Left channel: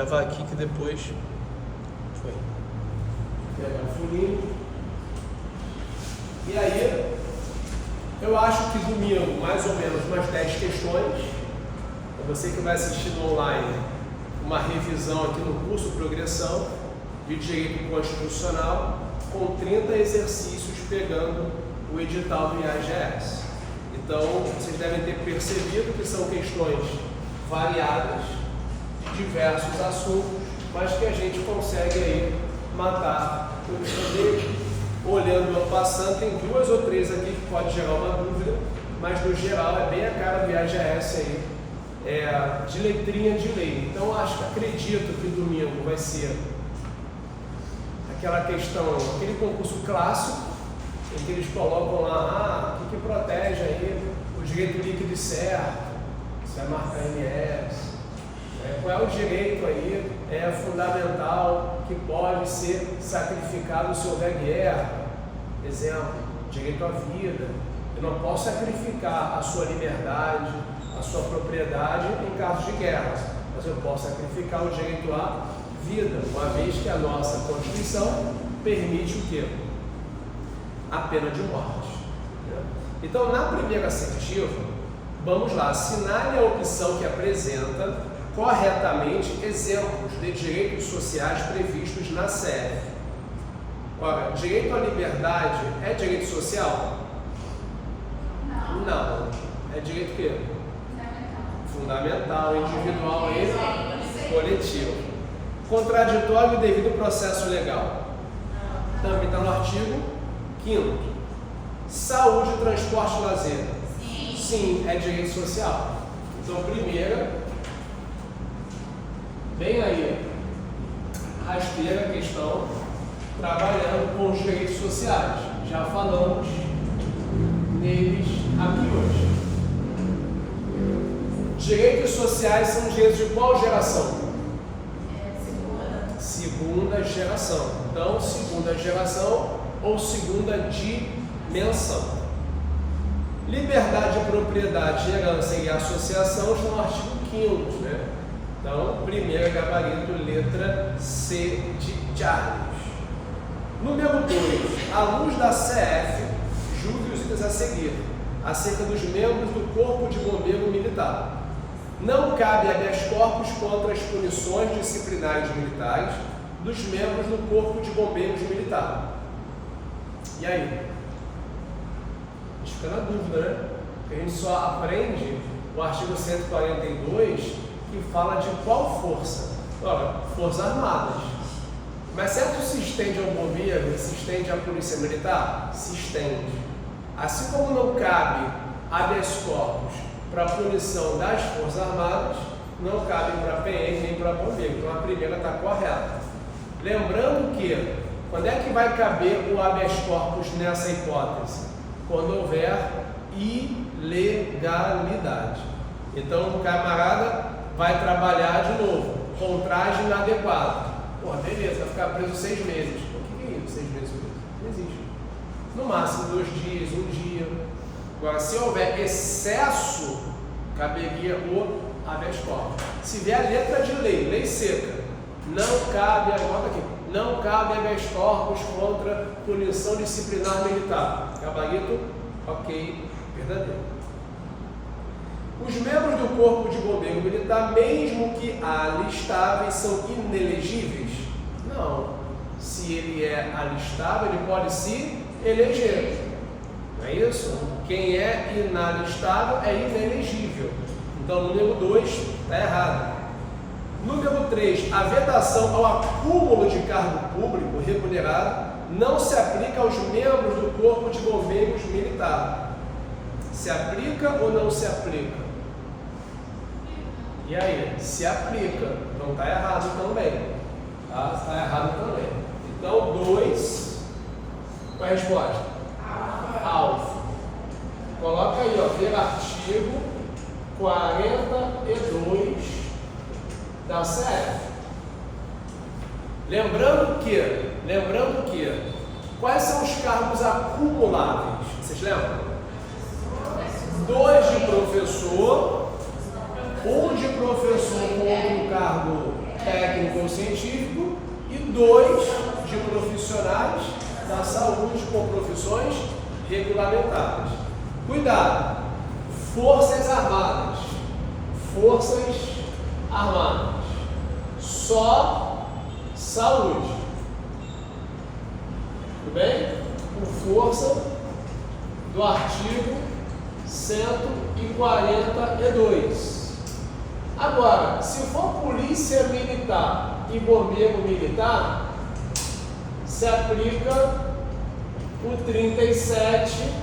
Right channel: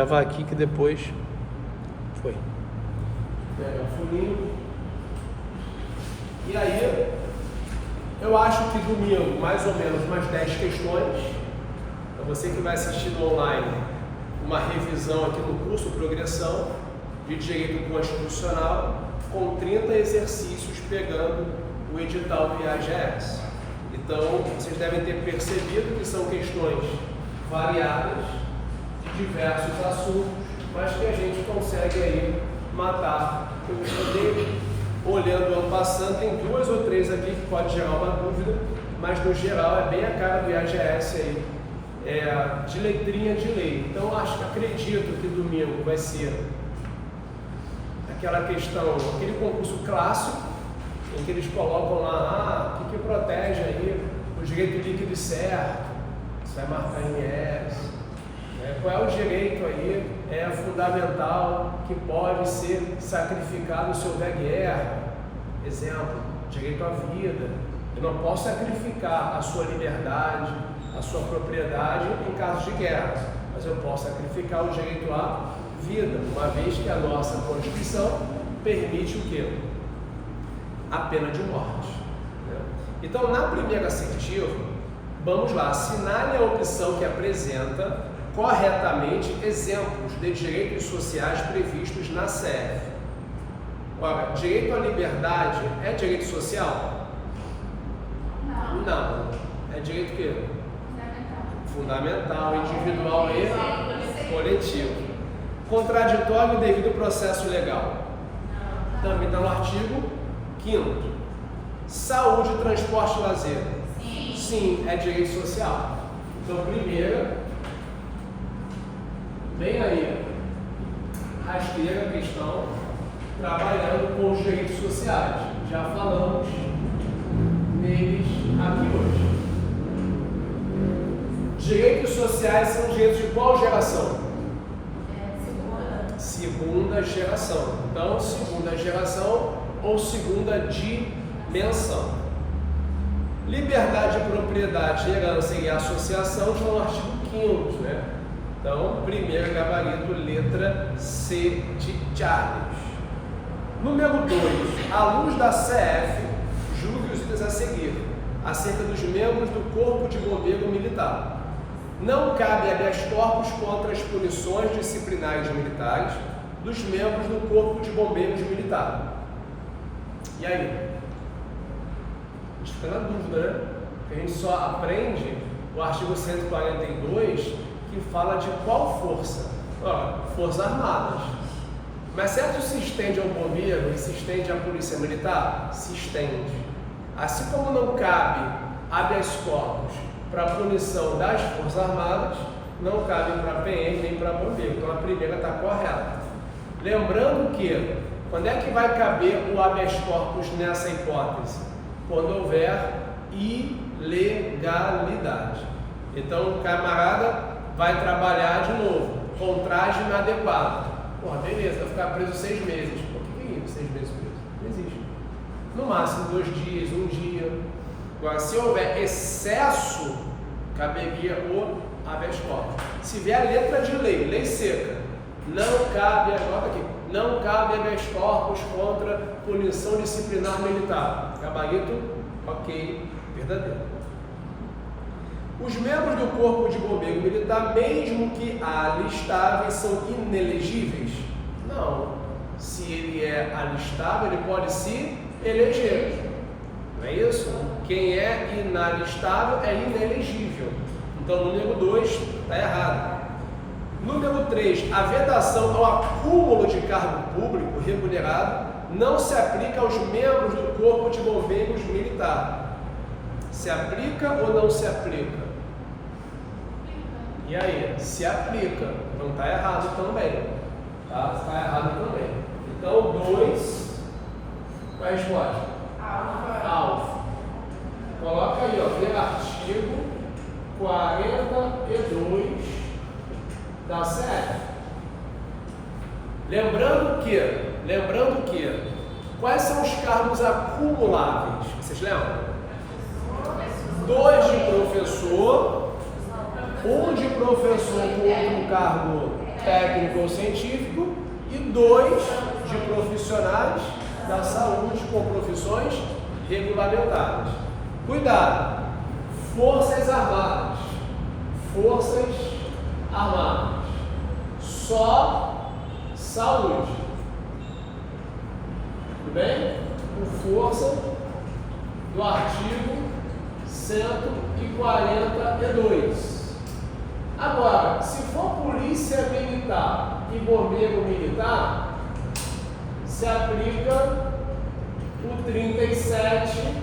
Gravar aqui que depois foi. Pegar o fininho. E aí, eu acho que domingo, mais ou menos, umas 10 questões. Para você que vai assistir no online, uma revisão aqui no curso Progressão de Direito Constitucional, com 30 exercícios pegando o edital do IAGS. Então, vocês devem ter percebido que são questões variadas, de diversos assuntos, mas que a gente consegue aí matar. Eu andei olhando ano passado, tem 2 ou 3 aqui que pode gerar uma dúvida, mas no geral é bem a cara do IAGS aí, de letrinha de lei. Então acredito que domingo vai ser aquela questão, aquele concurso clássico, em que eles colocam lá, o que protege aí o direito líquido e certo, se vai marcar MS, qual é o direito aí fundamental que pode ser sacrificado se houver guerra. Exemplo, direito à vida. Eu não posso sacrificar a sua liberdade, a sua propriedade em caso de guerra, mas eu posso sacrificar o direito à vida, uma vez que a nossa Constituição permite o quê? A pena de morte. Então, na primeira assertiva, vamos lá, assinale a opção que apresenta corretamente exemplos de direitos sociais previstos na CF. Ora, direito à liberdade é direito social? Não. É direito o quê? Fundamental, individual e coletivo. Contraditório e devido processo legal. Também está no artigo 5º. Saúde, transporte e lazer. Sim, é direito social. Então, a primeira, bem aí, rasteira questão, trabalhando com os direitos sociais. Já falamos neles aqui hoje. Direitos sociais são direitos de qual geração? Segunda geração. Então, segunda geração ou segunda dimensão. Liberdade de propriedade, herança e associação estão no artigo 5º, né? Então, primeiro gabarito, letra C de Charles. Número 2. À luz da CF, julgue os itens a seguir, acerca dos membros do Corpo de Bombeiro Militar. Não cabe habeas corpus contra as punições disciplinares militares dos membros do Corpo de Bombeiros Militar. E aí? A gente fica na dúvida, né? Porque a gente só aprende o artigo 142, que fala de qual força? Ora, Forças Armadas. Mas será que se estende ao bombeiro e se estende à polícia militar? Se estende. Assim como não cabe habeas corpus para a punição das Forças Armadas, não cabe para PM nem para bombeiro. Então a primeira está correta. Lembrando que, quando é que vai caber o habeas corpus nessa hipótese? Quando houver ilegalidade. Então o camarada vai trabalhar de novo, com traje inadequado. Porra, beleza, vai ficar preso 6 meses. O que é isso, 6 meses preso? Não existe. No máximo 2 dias, 1 dia. Agora, se houver excesso, caberia o habeas corpus. Se vier a letra de lei, lei seca, não cabe, agora aqui, não cabe habeas corpus contra punição disciplinar militar. Gabarito, ok, verdadeiro. Os membros do Corpo de Bombeiro Militar, mesmo que alistáveis, são inelegíveis? Não. Se ele é alistável, ele pode se eleger. Não é isso? Quem é inalistável é inelegível. Então, número 2 está errado. Número 3, a vedação ao acúmulo de cargo público remunerado não se aplica aos membros do Corpo de Bombeiros Militar. Se aplica ou não se aplica? E aí? Se aplica. Então está errado também. Tá? Está errado também. Então, 2, qual é a resposta? Alfa. Coloca aí, ó, ver artigo 42 da CF. Lembrando que, quais são os cargos acumuláveis? Vocês lembram? 2 de professor, 1 de professor com outro cargo técnico ou científico, e 2 de profissionais da saúde com profissões regulamentadas. Cuidado! Forças Armadas. Forças Armadas. Só saúde. Tudo bem? Com força do artigo 142. Agora, se for polícia militar e bombeiro militar, se aplica o 37,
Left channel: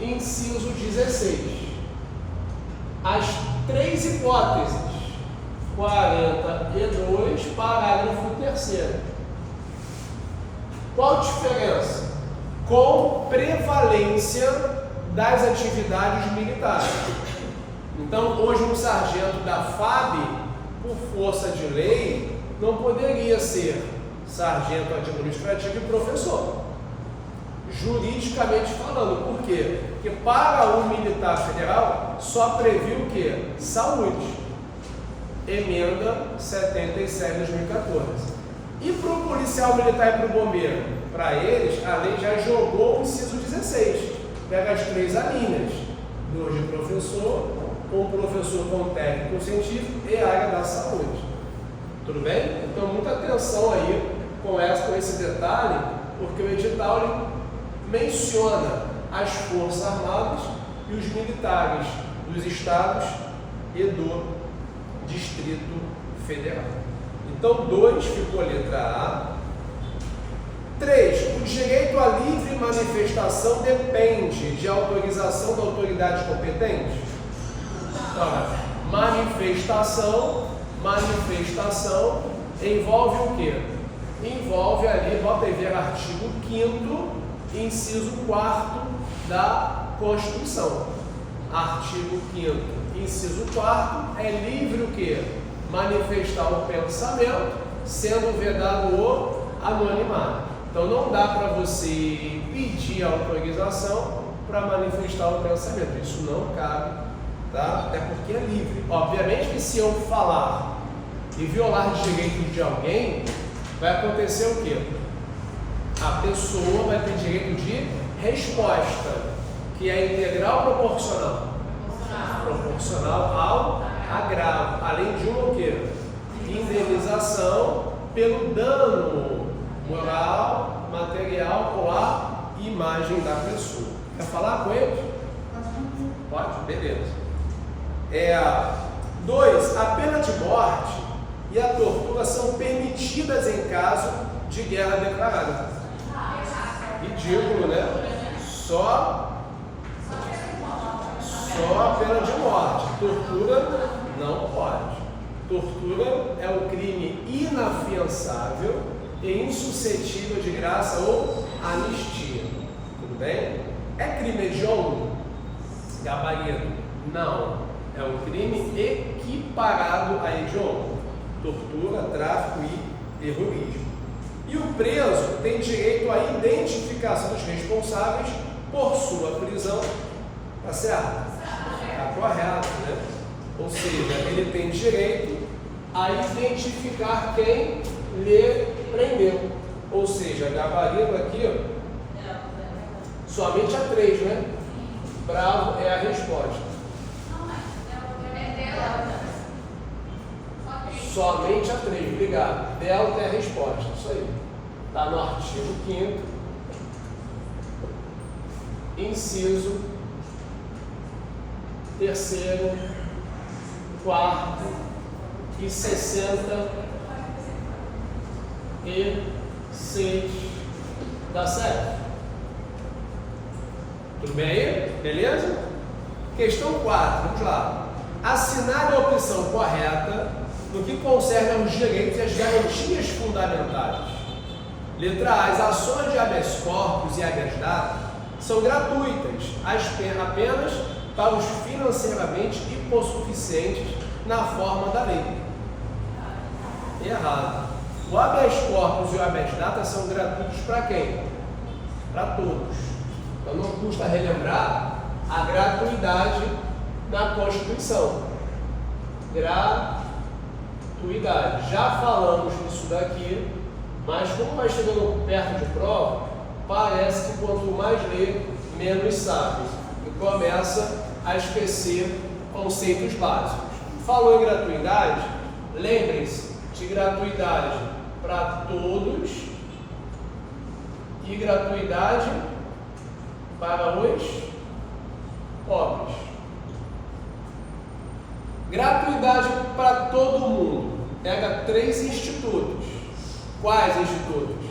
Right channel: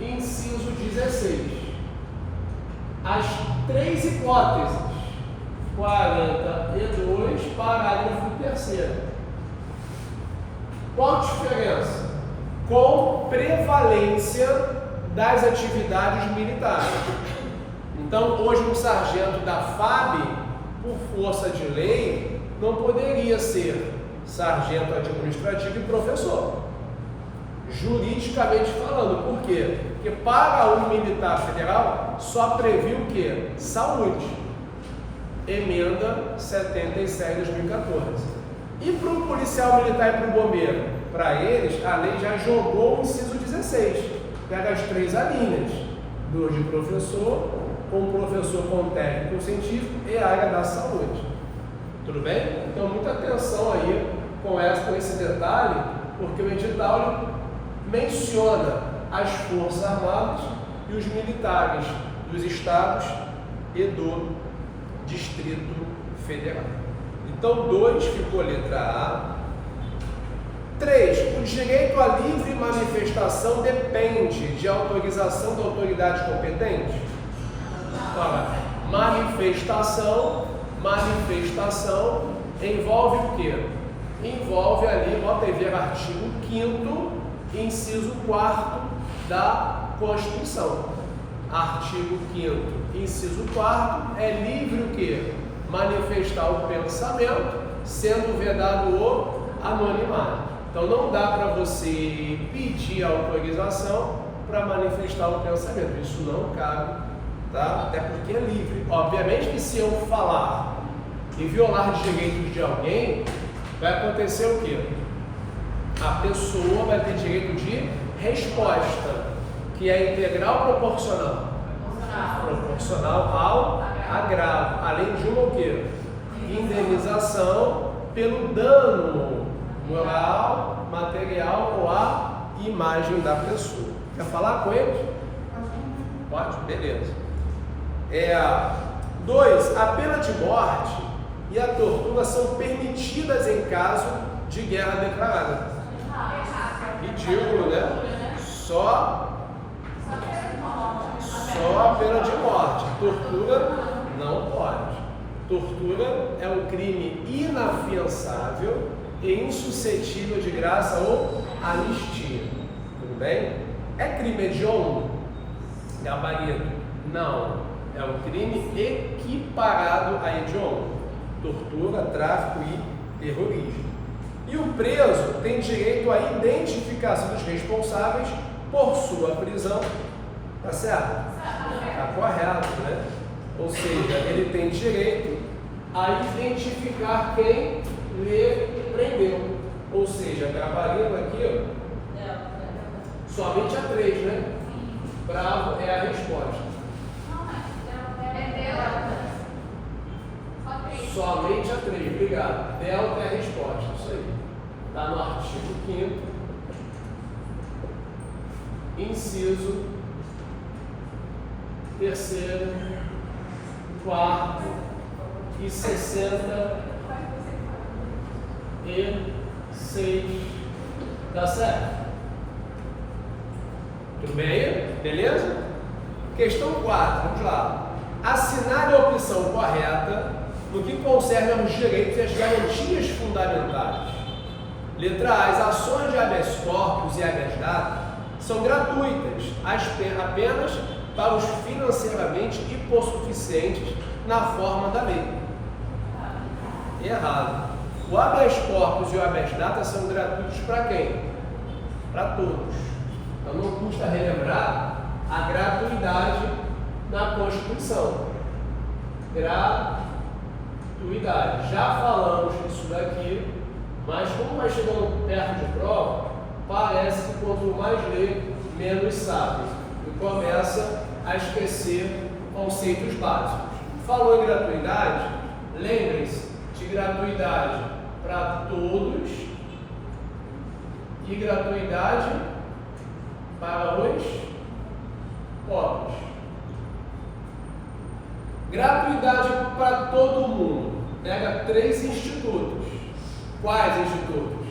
inciso 16. As 3 hipóteses, 42, parágrafo 3º. Qual a diferença? Com prevalência das atividades militares. Então, hoje um sargento da FAB, por força de lei, não poderia ser sargento administrativo e professor. Juridicamente falando, por quê? Porque para o militar federal só previu o quê? Saúde. Emenda 77 de 2014. E para o policial militar e para o bombeiro? Para eles, a lei já jogou o inciso 16. Pega as 3 alíneas. 2 de professor, um professor com técnico científico e a área da saúde. Tudo bem? Então, muita atenção aí com esse detalhe, porque o edital menciona as Forças Armadas e os militares dos estados e do Distrito Federal. Então, 2 ficou letra A. 3. O direito à livre manifestação depende de autorização da autoridade competente? Então, manifestação envolve o quê? Envolve ali, bota aí ver artigo 5º, inciso 4º da Constituição. Artigo 5º, inciso 4º, é livre o quê? Manifestar o pensamento, sendo vedado o anonimato. Então não dá para você pedir autorização para manifestar o pensamento. Isso não cabe, tá? Até porque é livre. Obviamente que se eu falar e violar direitos de alguém, vai acontecer o quê? A pessoa vai ter direito de resposta, que é integral ou proporcional? Proporcional ao agravo, além de uma o quê? Indenização pelo dano moral, material ou à imagem da pessoa. Quer falar com eles? Pode? Beleza. 2. A pena de morte e a tortura são permitidas em caso de guerra declarada. Ridículo, né? Só a pena de morte. Tortura não pode. Tortura é um crime inafiançável e insuscetível de graça ou anistia. Tudo bem? É crime hediondo? Gabarito? Não. É um crime equiparado a hediondo. Tortura, tráfico e terrorismo. E o preso tem direito à identificação dos responsáveis por sua prisão. Tá certo? Tá correto, né? Ou seja, ele tem direito a identificar quem lhe prendeu. Ou seja, gabarito aqui, ó, somente a 3, né? Bravo é a resposta. Somente a 3, obrigado. Delta é a resposta, isso aí. Está no artigo 5º, inciso 3º, 4º e 66. Tá certo? Tudo bem aí? Beleza? Questão 4, vamos lá. Assinale a opção correta no que concerne aos direitos e às garantias fundamentais. Letra A. As ações de habeas corpus e habeas data são gratuitas apenas para os financeiramente hipossuficientes na forma da lei. Errado. O habeas corpus e o habeas data são gratuitos para quem? Para todos. Então não custa relembrar a gratuidade na Constituição. Gratuidade. gratuidade. Já falamos disso daqui, mas como vai chegando perto de prova, parece que quanto mais lê, menos sabe. E começa a esquecer conceitos básicos. Falou em gratuidade? Lembrem-se de gratuidade para todos e gratuidade para os pobres. Gratuidade para todo mundo. Pega 3 institutos. Quais institutos?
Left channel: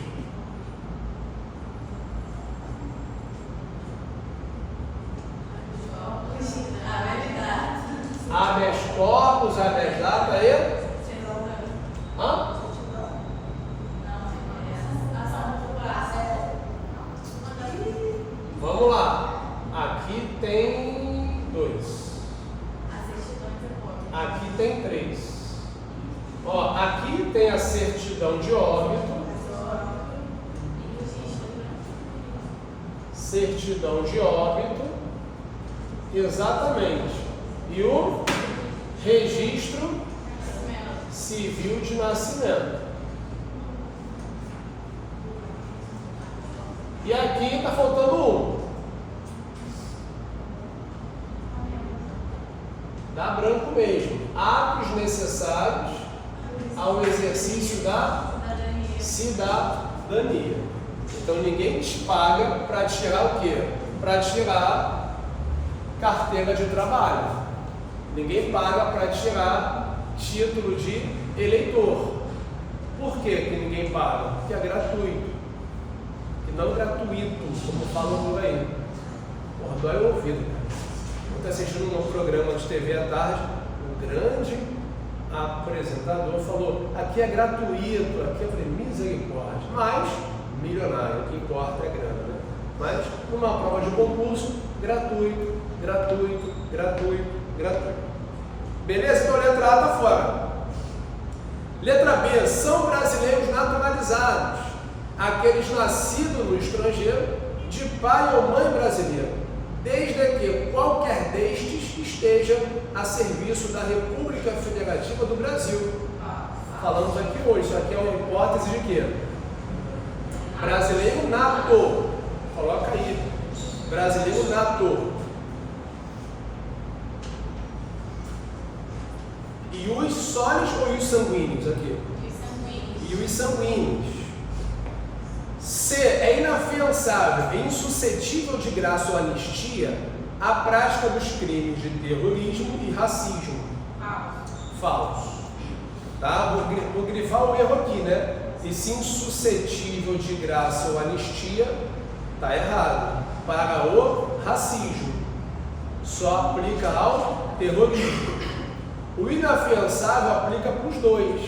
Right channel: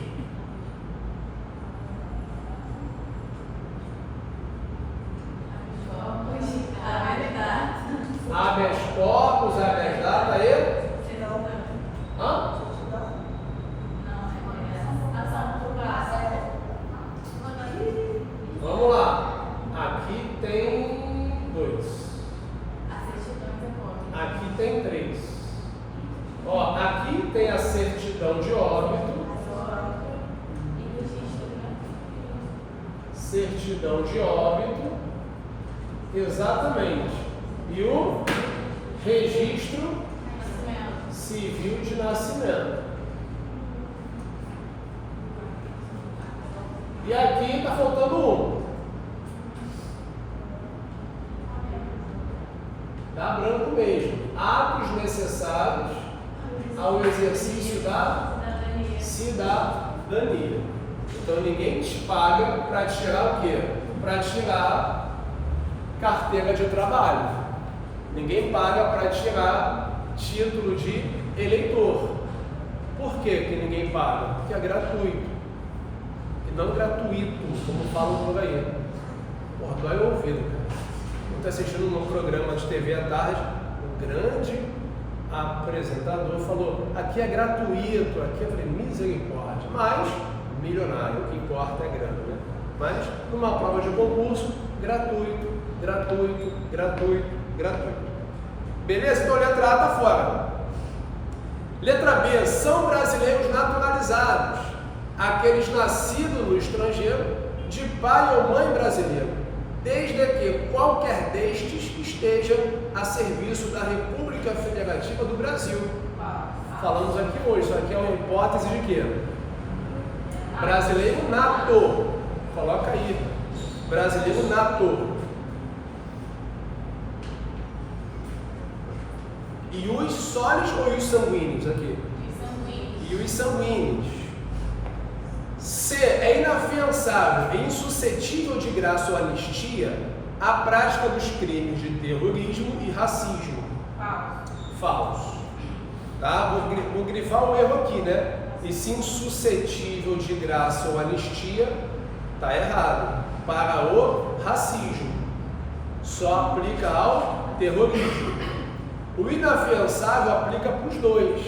Habeas corpus, habeas data e? Hã? Vamos lá. Aqui tem 2. Aqui tem 3. Ó, aqui tem a certidão de óbito. Certidão de óbito. Exatamente. E o registro civil de nascimento. E aqui está faltando um. Dá branco mesmo. Atos necessários ao exercício da cidadania. Então ninguém te paga para tirar o quê? Para tirar carteira de trabalho. Ninguém paga para tirar título de eleitor. Por que ninguém paga? Porque é gratuito. Que não gratuito, como falam por aí. Porra, dói o ouvido, cara. Eu estou assistindo num programa de TV à tarde, um grande apresentador falou, aqui é gratuito, aqui eu falei, misericórdia, mas milionário, o que importa é grana, né? Mas numa prova de concurso, gratuito, gratuito, gratuito, gratuito. Beleza? Então letra A está fora. Letra B, são brasileiros naturalizados, aqueles nascidos no estrangeiro, de pai ou mãe brasileiro, desde que qualquer destes esteja a serviço da República Federativa do Brasil. Falamos aqui hoje, isso aqui é uma hipótese de quê? Brasileiro nato. Coloca aí. Brasileiro nato. E os sólidos ou os sanguíneos aqui? E os sanguíneos. C. É inafiançável e insuscetível de graça ou anistia a prática dos crimes de terrorismo e racismo. Falso. Tá? Vou grifar o erro aqui, né? E sim suscetível de graça ou anistia, tá errado. Para o racismo. Só aplica ao terrorismo. O inafiançável aplica para os dois.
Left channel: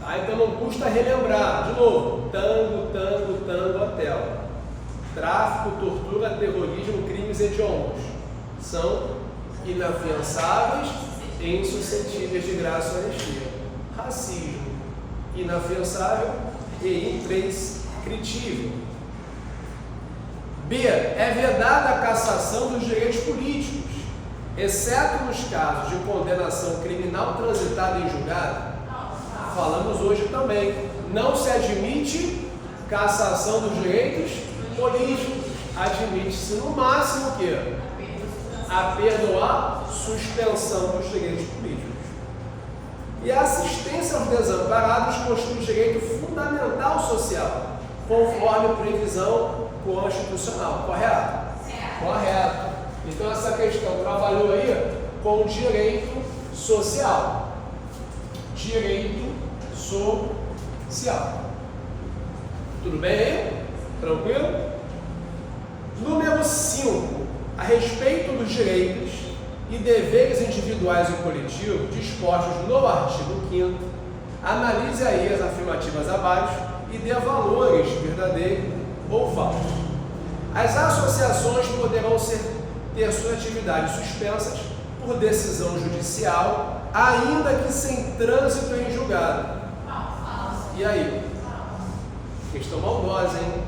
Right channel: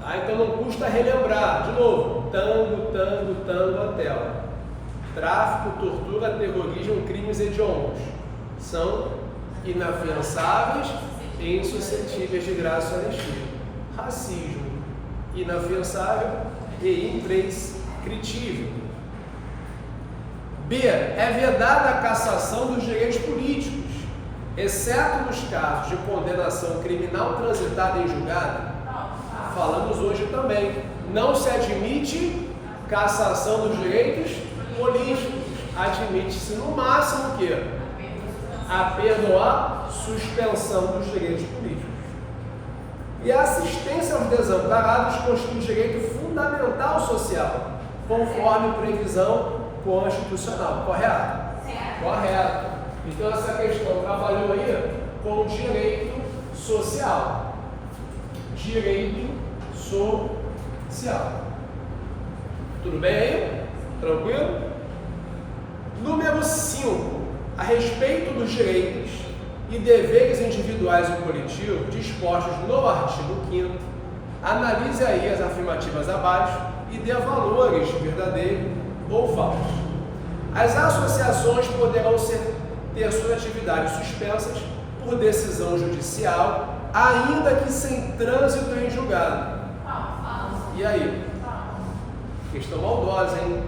Tá? Então não custa relembrar. De novo, tango, tango, tango, hotel. Tráfico, tortura, terrorismo, crimes hediondos. São inafiançáveis e insuscetíveis de graça ou anistia. Racismo, inafiançável e imprescritível. B. É vedada a cassação dos direitos políticos, exceto nos casos de condenação criminal transitada em julgado. Falamos hoje também. Não se admite cassação dos direitos políticos. Admite-se no máximo o quê? A perdoar suspensão dos direitos políticos. E a assistência aos desamparados constitui direito fundamental social, conforme previsão constitucional. Correto? Correto. Então essa questão trabalhou aí com direito social. Direito social. Tudo bem aí? Tranquilo? Número 5. A respeito dos direitos e deveres individuais e coletivos dispostos no artigo 5º, analise aí as afirmativas abaixo e dê valores verdadeiros ou falsos. As associações poderão ter suas atividades suspensas por decisão judicial, ainda que sem trânsito em julgado. E aí? Questão maldosa, hein?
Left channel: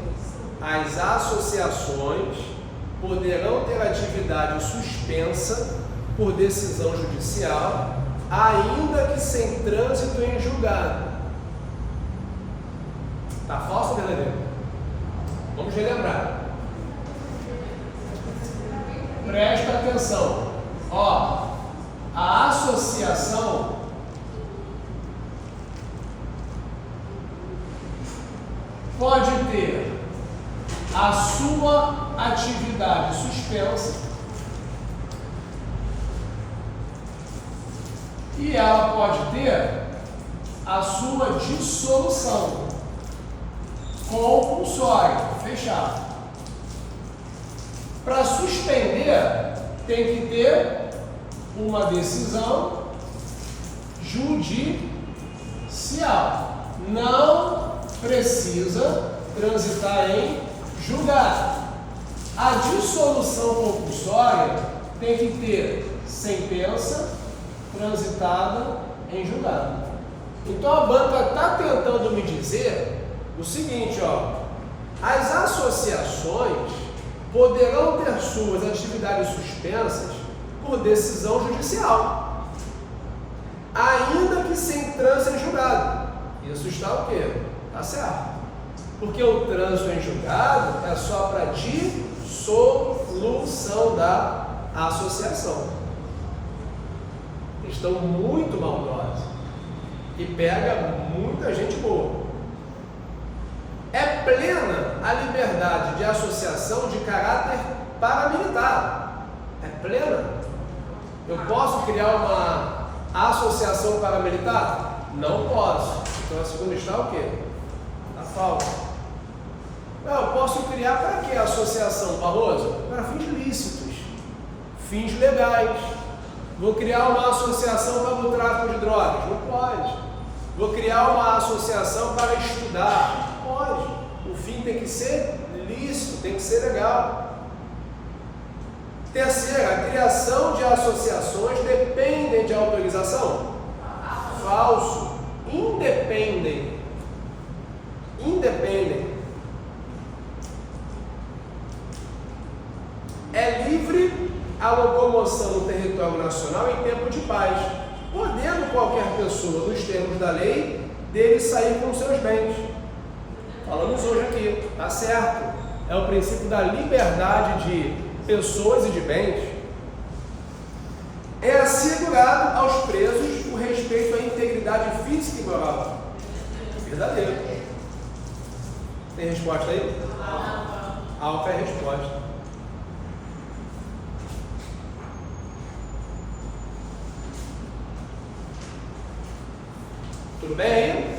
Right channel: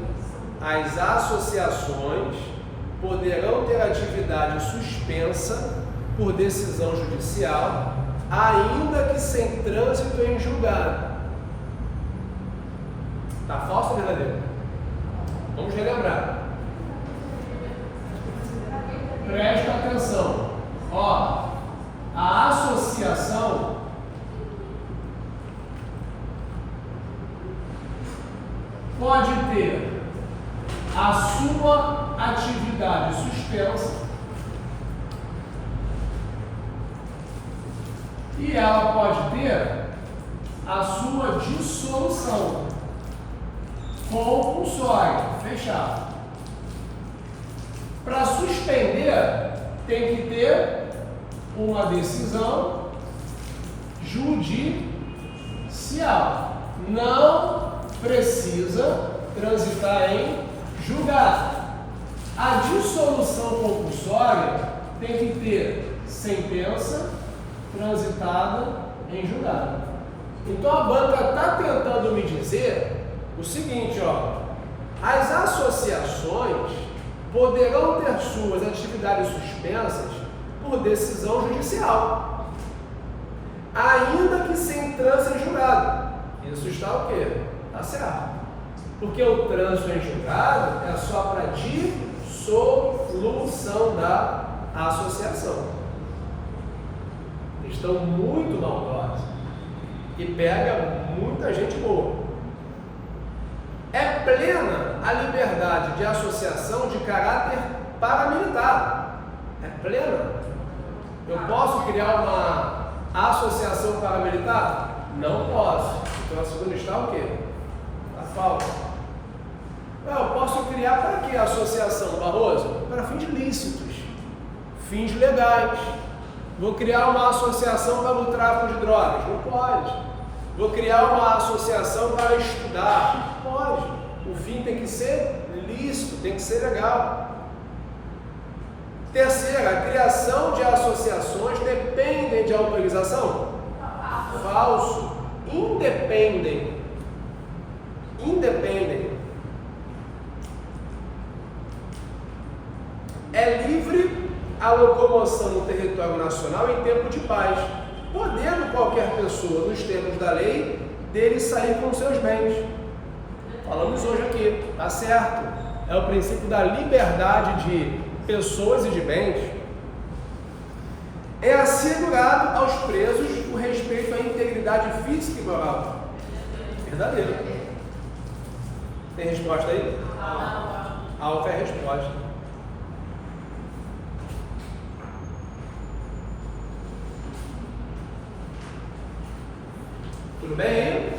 As associações poderão ter atividade suspensa por decisão judicial, ainda que sem trânsito em julgado. Tá falso ou verdadeiro? Vamos relembrar. Presta atenção. Ó, a associação pode ter a sua atividade suspensa e ela pode ter a sua dissolução compulsória, fechado. Para suspender, tem que ter uma decisão judicial. Não precisa transitar em julgado. A dissolução compulsória tem que ter sentença transitada em julgado. Então a banca está tentando me dizer o seguinte, ó, as associações poderão ter suas atividades suspensas por decisão judicial, ainda que sem trânsito em julgado. Isso está o quê? Está certo. Porque o trânsito em julgado é só para dissolução da associação. Estão muito maldosos e pega muita gente boa. É plena a liberdade de associação de caráter paramilitar. É plena. Eu posso criar uma associação paramilitar? Não posso. Então a segunda está o quê? Está falsa. Eu posso criar para quê a associação, Barroso? Para fins lícitos, fins legais. Vou criar uma associação para o tráfico de drogas? Não pode. Vou criar uma associação para estudar? Não pode. O fim tem que ser lícito, tem que ser legal. Terceira, a criação de associações dependem de autorização? Falso. Independem. É livre a locomoção no território nacional em tempo de paz, podendo qualquer pessoa, nos termos da lei, dele sair com seus bens. Falamos hoje aqui, tá certo? É o princípio da liberdade de pessoas e de bens. É assegurado aos presos o respeito à integridade física e moral. Verdadeiro. Tem resposta aí? Alfa é a resposta. Tudo bem aí?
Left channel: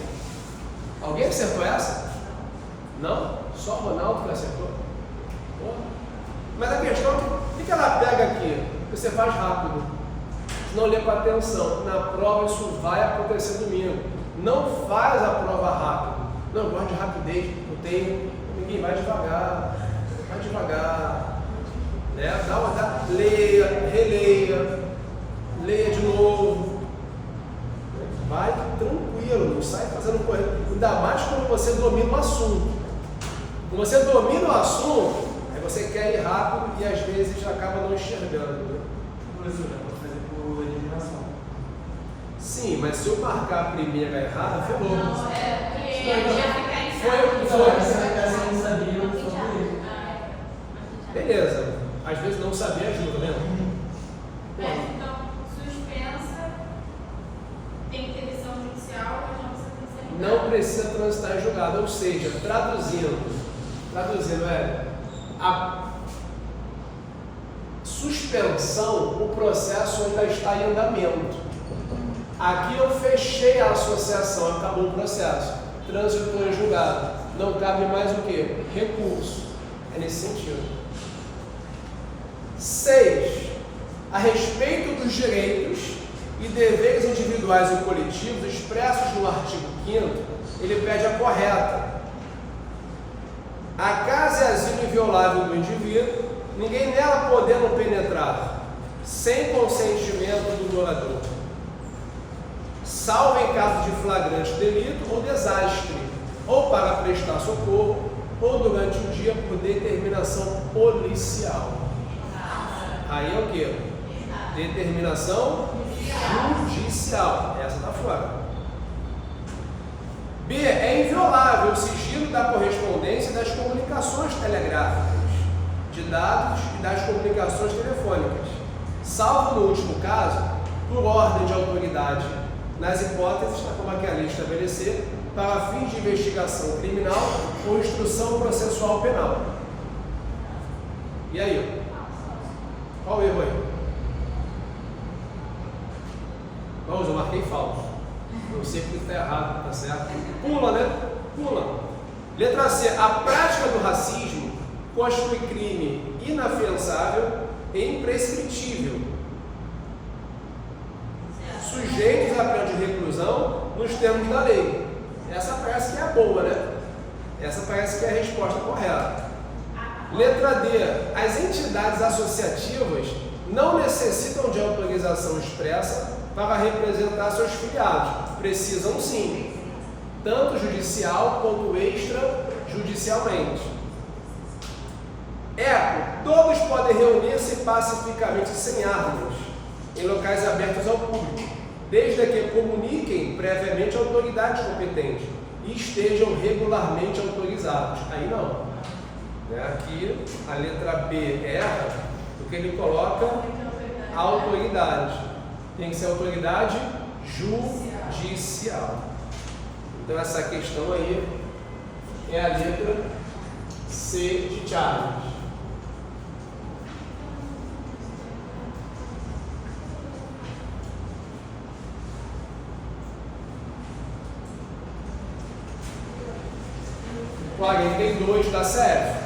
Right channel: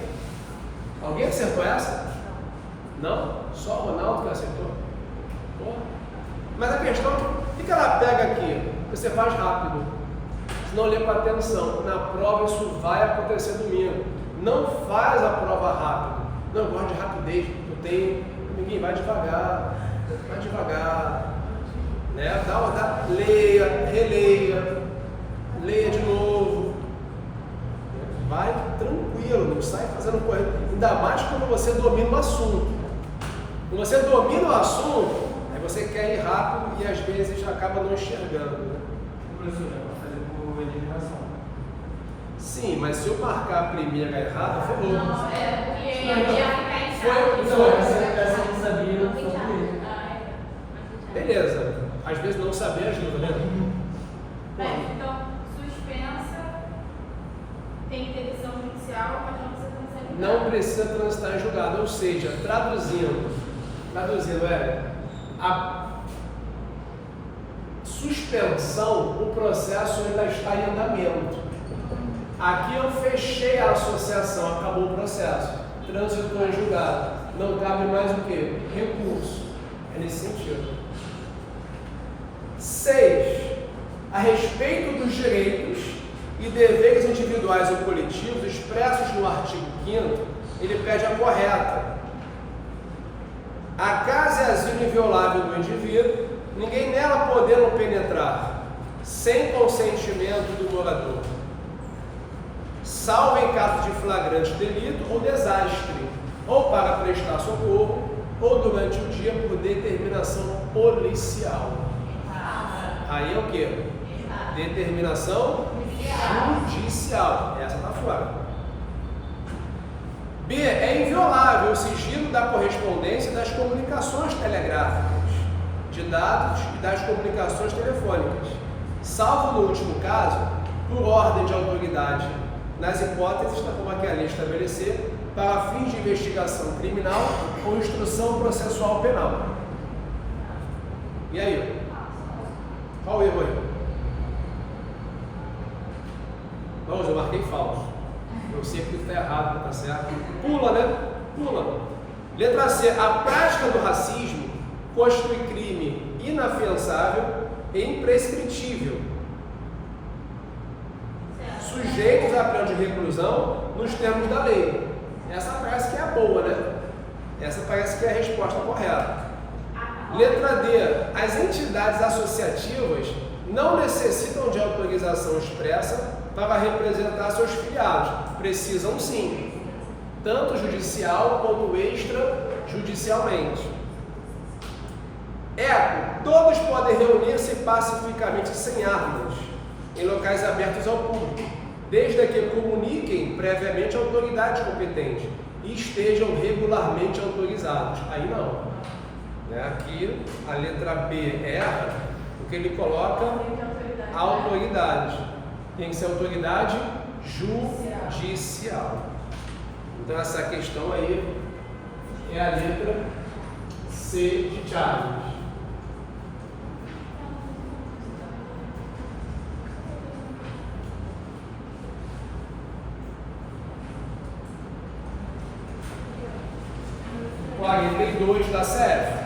Alguém acertou essa? Não? Só o Ronaldo que acertou? Pô. Mas a questão é o que ela pega aqui? Você faz rápido. Não lê com atenção. Na prova isso vai acontecer domingo. Não faz a prova rápido. Não, eu gosto de rapidez. Eu tenho. Ninguém vai devagar. Vai devagar. Né? Leia, releia. Leia de novo. Vai tranquilo, não sai fazendo corrida. Ainda mais quando você domina o assunto. Quando você domina o assunto, aí você quer ir rápido e às vezes acaba não enxergando, né? Professor, é para fazer por eliminação. Sim, mas se eu marcar a primeira errada, ferrou. Não, porque já ficar em Foi. Essa não sabia, eu só por isso. Beleza. Às vezes não saber ajuda, né? Então, suspensa, tem que ter decisão judicial, mas não precisa transitar em julgado. Não precisa transitar em julgado, ou seja, traduzindo, a suspensão, o processo ainda está em andamento. Aqui eu fechei a associação, acabou o processo, transitou em julgado, não cabe mais o que? Recurso. É nesse sentido. 6. A respeito dos direitos e deveres individuais ou coletivos expressos no artigo 5º, ele pede a correta. A casa é asilo inviolável do indivíduo, ninguém nela podendo penetrar, sem consentimento do morador, salvo em caso de flagrante delito ou desastre, ou para prestar socorro, ou durante o dia por determinação policial. Aí é o que? Determinação judicial. Essa está fora. B. É inviolável o sigilo da correspondência e das comunicações telegráficas, de dados e das comunicações telefônicas, salvo no último caso, por ordem de autoridade, nas hipóteses, como aqui a lei estabelecer, para fins de investigação criminal ou instrução processual penal. E aí? Qual o erro aí? Vamos, eu marquei falso. Eu sei que está errado, tá certo? Pula, né? Pula. Letra C. A prática do racismo constitui crime inafiançável e imprescritível, sujeitos à pena de reclusão nos termos da lei. Essa parece que é a boa, né? Essa parece que é a resposta correta. Letra D. As entidades associativas não necessitam de autorização expressa para representar seus filiados. Precisam sim, tanto judicial quanto extrajudicialmente. Eco. Todos podem reunir-se pacificamente sem armas em locais abertos ao público, desde que comuniquem previamente à autoridade competente e estejam regularmente autorizados. Aí não. Aqui a letra B erra, porque ele coloca a autoridade. Tem que ser autoridade judicial. Então essa questão aí é a letra C de Charles. O 42 da CF.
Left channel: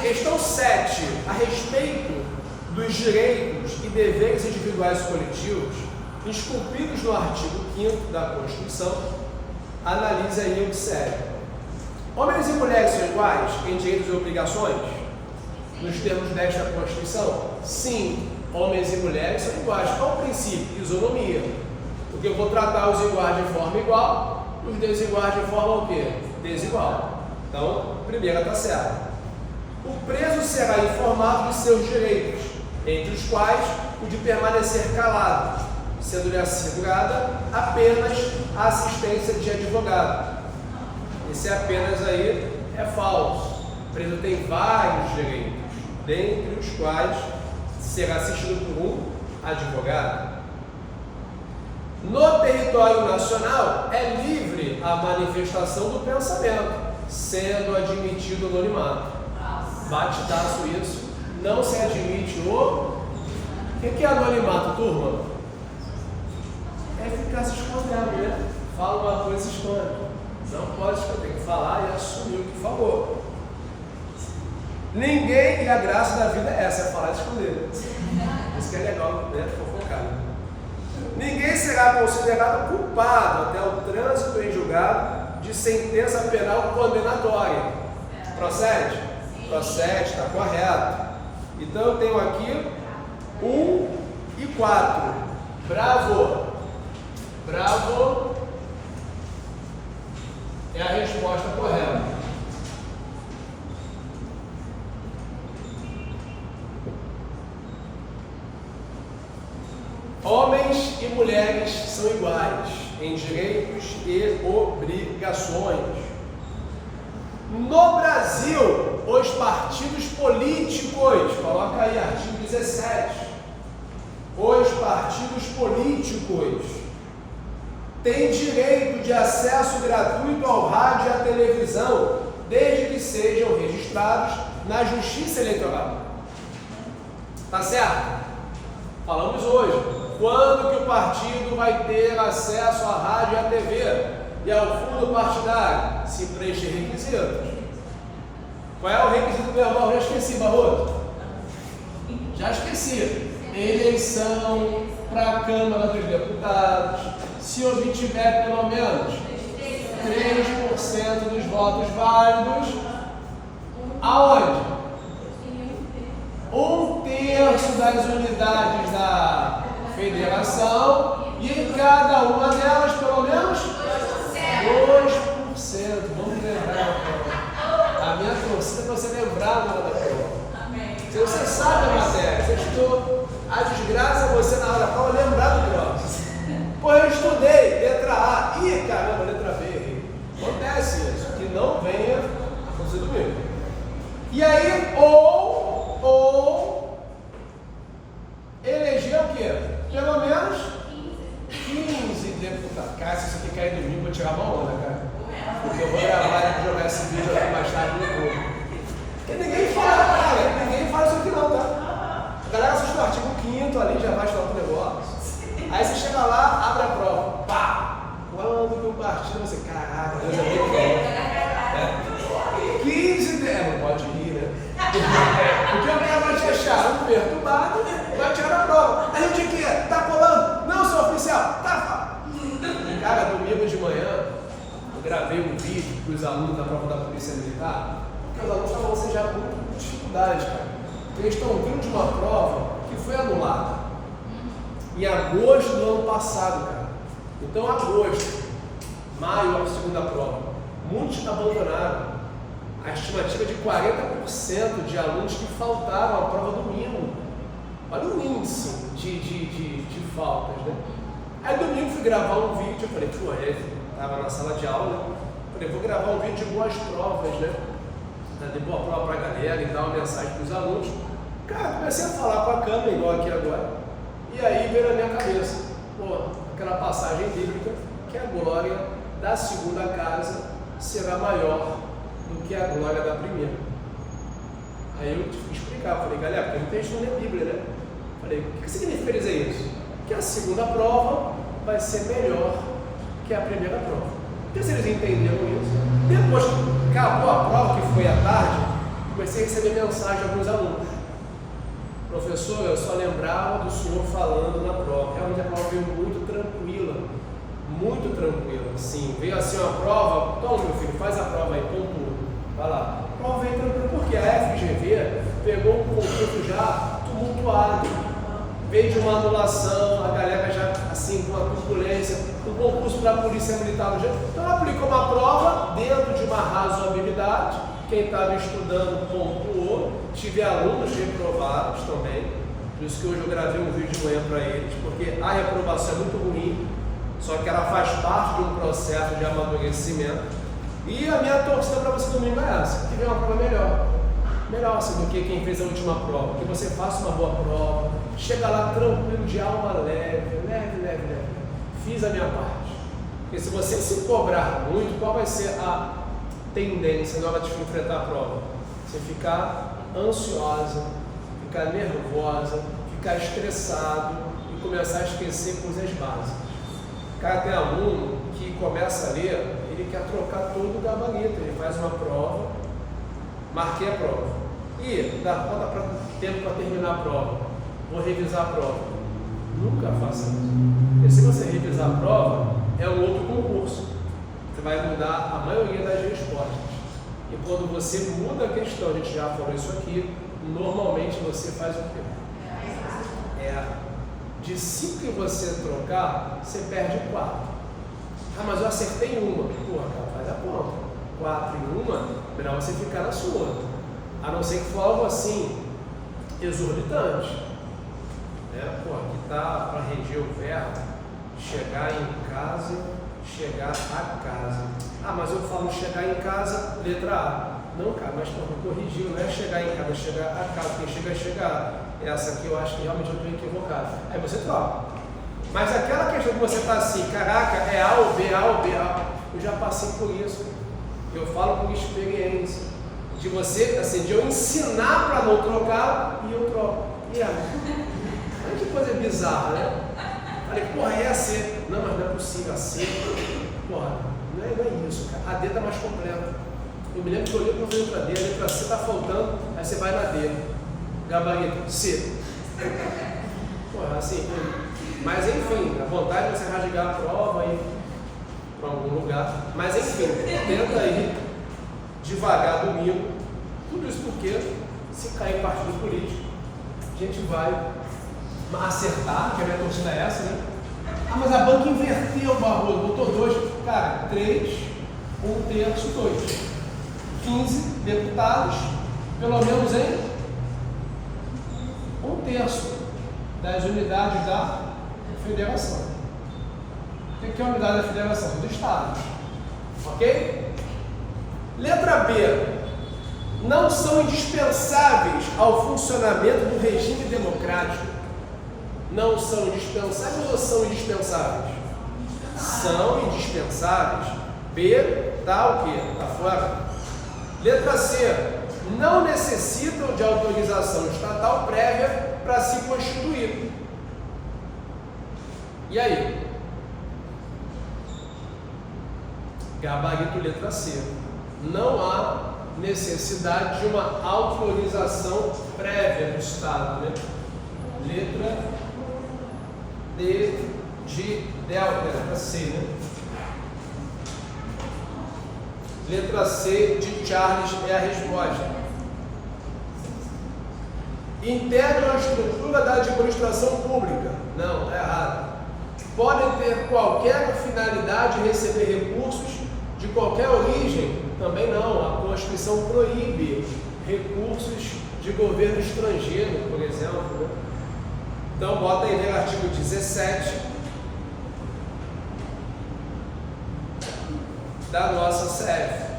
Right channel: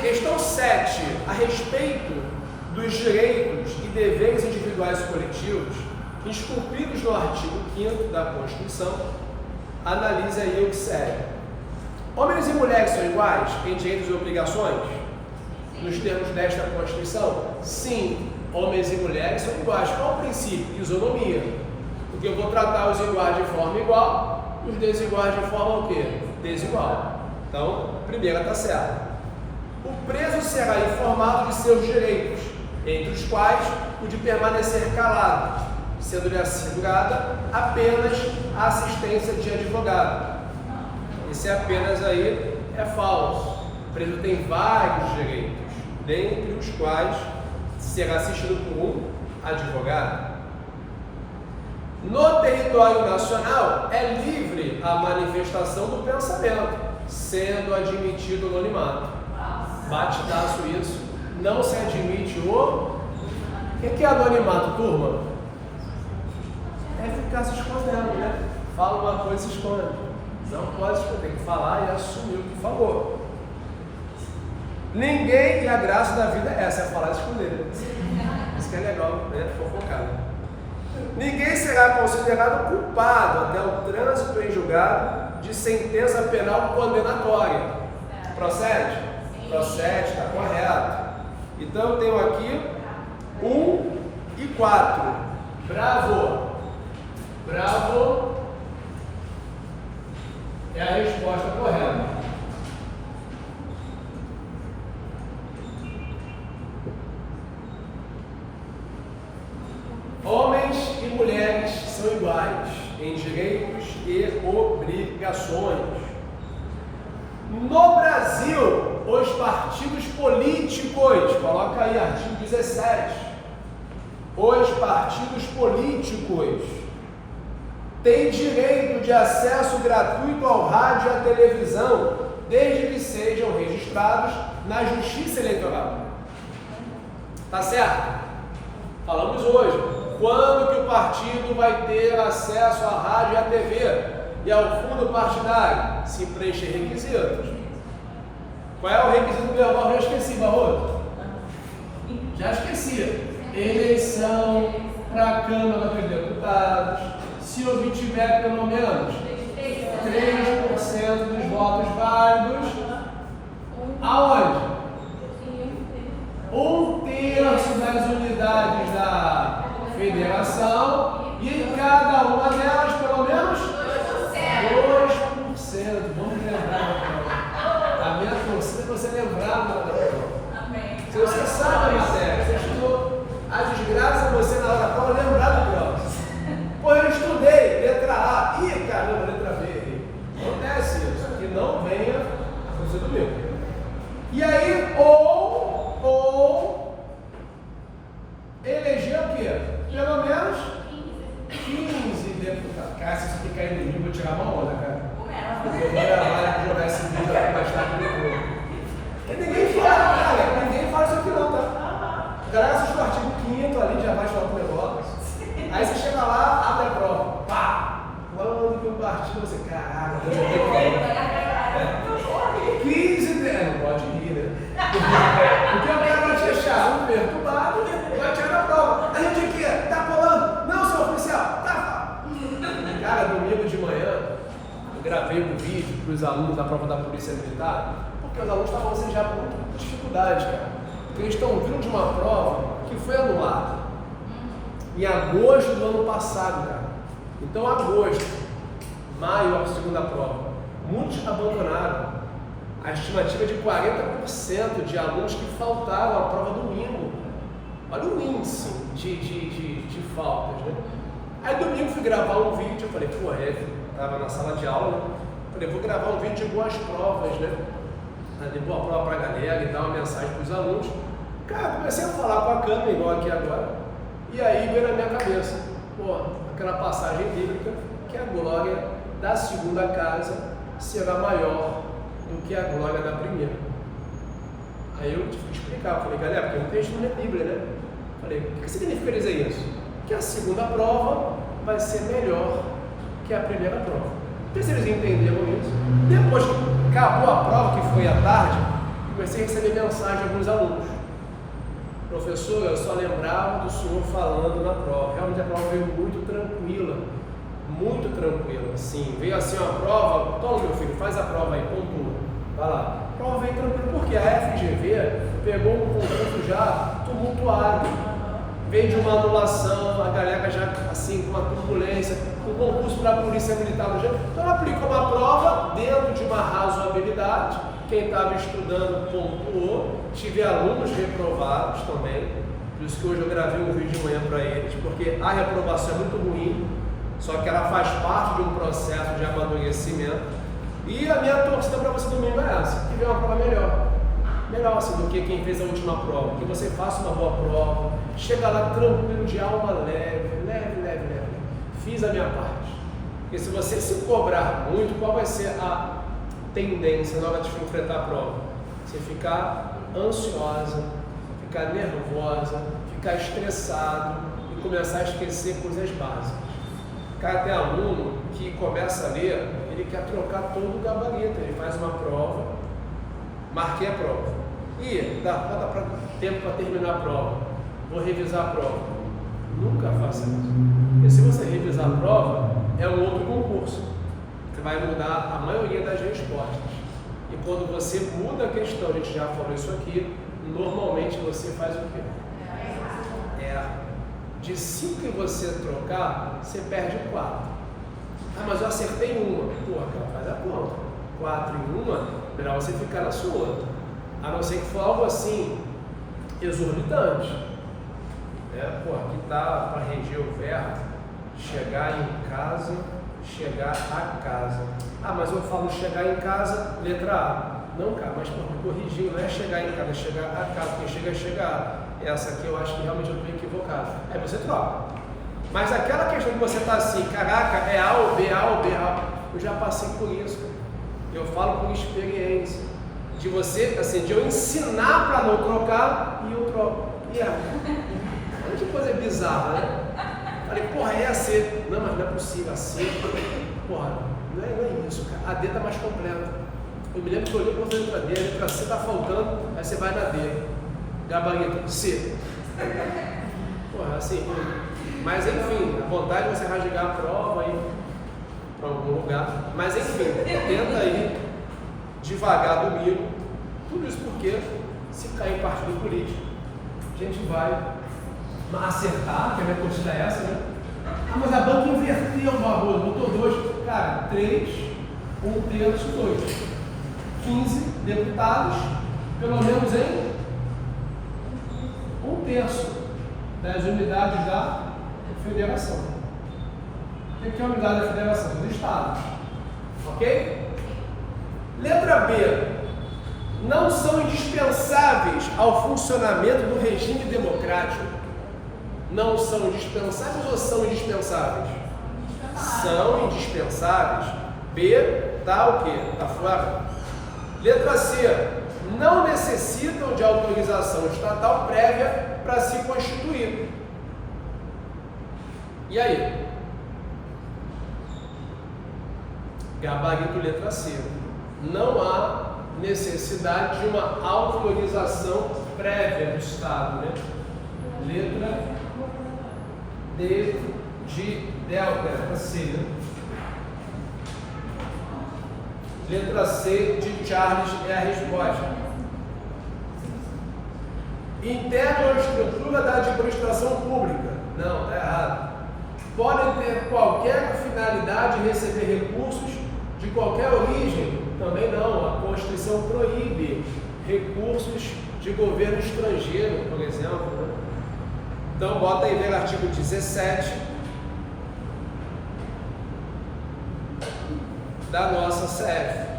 Questão 7. A respeito dos direitos e deveres individuais e coletivos esculpidos no artigo 5º da Constituição, analise aí o que segue. Homens e mulheres são iguais em direitos e obrigações? Nos termos desta Constituição? Sim, homens e mulheres são iguais. Qual o princípio? Isonomia. Porque eu vou tratar os iguais de forma igual, os desiguais de forma o quê? Desigual. Então, primeira está certa. O preso será informado de seus direitos, entre os quais o de permanecer calado, sendo-lhe assegurada apenas a assistência de advogado. Esse apenas aí é falso. O preso tem vários direitos, dentre os quais será assistido por um advogado. No território nacional é livre a manifestação do pensamento, sendo admitido o anonimato. Batidaço isso, não se admite o que é anonimato, turma? É ficar se escondendo, né? Fala uma coisa e se esconde. Não pode esconder, tem que falar e assumir o que falou. Ninguém, e a graça da vida é essa, é falar e esconder. Isso que é legal, né? Fofocado. Ninguém será considerado culpado até o trânsito em julgado de sentença penal condenatória. Procede? Procede, está correto. Então eu tenho aqui 1 e 4. Bravo! Bravo é a resposta correta. Homens e mulheres são iguais em direitos e obrigações. No Brasil, os partidos políticos, coloca aí, artigo 17, os partidos políticos têm direito de acesso gratuito ao rádio e à televisão, desde que sejam registrados na Justiça Eleitoral. Tá certo? Falamos hoje. Quando que o partido vai ter acesso à rádio e à TV? E ao fundo partidário, se preencher requisitos. Qual é o requisito verbal? Já esqueci, Barroso. Já esqueci. Eleição para a Câmara dos Deputados. Se obtiver pelo menos 3% dos votos válidos, aonde? 1/3 das unidades da federação e em cada uma delas pelo menos 2%. Vamos lembrar, então. A minha torcida é para você lembrar da prova. Se você sabe a matéria, você A desgraça é você na hora da prova lembrar do próximo. Pô, eu estudei, letra A. Ih, caramba, letra B. Acontece isso. Aqui não venha a coisa do meu. E aí, ou eleger o quê? Pelo menos 15 deputados. Cara, se você ficar aí no mim, eu vou tirar uma onda, cara. Porque eu vou gravar e jogar esse vídeo aqui mais tarde no YouTube. Porque ninguém fala, cara, ninguém fala isso aqui não, tá? A galera assiste o artigo 5º ali, já vai estudar pro negócio. Aí você chega lá, abre a prova, pá! Quando que eu parti, você, caraca, Deus é bem. 15 não pode rir, né? Porque eu quero te achar um perturbado, vai tirar a prova. A gente aqui, tá colando? Não, senhor oficial, tá. Cara, domingo de manhã, eu gravei um vídeo para os alunos da prova da Polícia Militar, porque os alunos estavam assim já com muita dificuldade, cara. Porque eles estão vindo de uma prova que foi anulada em agosto do ano passado, cara. Então, agosto, maio, a segunda prova. Muitos abandonaram. A estimativa é de 40% de alunos que faltaram à prova domingo. Olha o índice de faltas, né? Aí domingo fui gravar um vídeo, eu falei, pô, estava na sala de aula, né? Falei, vou gravar um vídeo de boas provas, né? De boa prova pra galera e dar uma mensagem pros alunos. Cara, comecei a falar com a câmera, igual aqui agora, e aí veio na minha cabeça, pô, aquela passagem bíblica, que a glória da segunda casa será maior do que a glória da primeira. Aí eu tive que explicar, falei, galera, porque muita gente não lê Bíblia, né? Falei, o que significa dizer isso? Que a segunda prova vai ser melhor que a primeira prova. Então, se eles entenderam isso, depois que acabou a prova, que foi à tarde, comecei a receber mensagem de alguns alunos. Professor, eu só lembrava do senhor falando na prova. Realmente a prova veio muito tranquila, sim. Veio assim uma prova, toma meu filho, faz a prova aí, pontua. Vai lá. A prova veio tranquila, porque a FGV pegou um concurso já tumultuado. Veio de uma anulação, a galera já assim com uma turbulência, um concurso para a Polícia Militar no jeito. Então ela aplicou uma prova dentro de uma razoabilidade. Quem estava estudando pontuou, tive alunos reprovados também, por isso que hoje eu gravei um vídeo de manhã para eles, porque a reprovação é muito ruim, só que ela faz parte de um processo de amadurecimento. E a minha torcida para você domingo é essa, que venha uma prova melhor assim do que quem fez a última prova, que você faça uma boa prova, chega lá tranquilo, de alma leve. Fiz a minha parte. Porque se você se cobrar muito, qual vai ser a tendência na hora de enfrentar a prova? Você ficar ansiosa, ficar nervosa, ficar estressado e começar a esquecer coisas básicas. Cara, tem aluno que começa a ler, ele quer trocar todo o gabarito, ele faz uma prova, marquei a prova e dá tempo para terminar a prova, vou revisar a prova. Nunca faça isso, porque se você revisar a prova, é um outro concurso. Você vai mudar a maioria das respostas. E quando você muda a questão, a gente já falou isso aqui, normalmente você faz o quê? De 5 que você trocar, você perde 4. Ah, mas eu acertei uma. Porra, cara, faz a conta. 4 em uma, melhor você ficar na sua. A não ser que for algo assim, exorbitante. Porra, aqui tá para reger o verbo, chegar em casa, chegar a casa. Ah, mas eu falo chegar em casa, letra A. Não, cara, mas me corrigiu, não é chegar em casa, é chegar a casa. Quem chega é chegar. Essa aqui eu acho que realmente eu estou equivocado. Aí você troca. Mas aquela questão que você está assim, caraca, é A ou B, A ou B, A. Eu já passei por isso. Eu falo por experiência. De você, assim, de eu ensinar para não trocar e eu troco. E olha que coisa bizarra, né? Falei, porra, é a C. Não, mas não é possível, a C. Porra, não é isso, cara. A D está mais completa. Eu me lembro que eu olhei para a letra D, a letra C está faltando, aí você vai na D. Gabarito, C. Porra, assim, mas enfim, a vontade de você rasgar a prova e ir para algum lugar. Mas enfim, tenta ir devagar domingo. Tudo isso porque, se cair em partido político, a gente vai acertar, que a minha torcida é essa, né? Ah, mas a banca inverteu o barulho, botou 2. Cara, 3, 1/3, 2. 15 deputados, pelo menos em 1/3. das unidades da federação. O que é a unidade da federação? Dos estados. Ok? Letra B. Não são indispensáveis ao funcionamento do regime democrático. Não são indispensáveis ou são indispensáveis? São indispensáveis. B, tá o quê? Tá fora. Letra C. Não necessitam de autorização estatal prévia para se constituir. E aí? Gabarito letra C. Não há necessidade de uma autorização prévia do Estado, né? Letra D de delta, letra C, né? Letra C de Charles é a resposta. Integram a estrutura da administração pública. Não, está errado. Podem ter qualquer finalidade e receber recursos de qualquer origem. Também não. A Constituição proíbe recursos de governo estrangeiro, por exemplo, né? Então, bota aí no artigo 17 da nossa CF.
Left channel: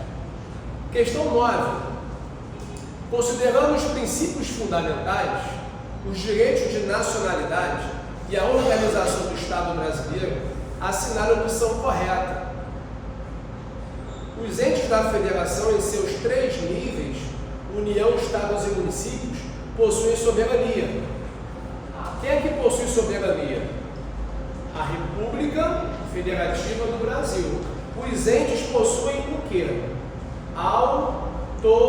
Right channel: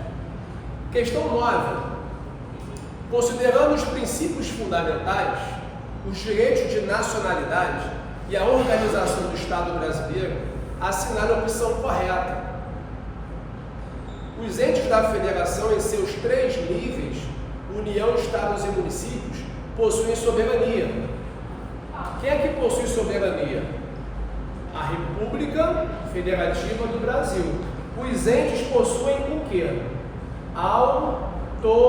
Questão 9. Considerando os princípios fundamentais, os direitos de nacionalidade e a organização do Estado brasileiro, assinale a opção correta. Os entes da federação, em seus 3 níveis, União, Estados e municípios, possuem soberania. Quem é que possui soberania? A República Federativa do Brasil. Os entes possuem o quê? Autonomia.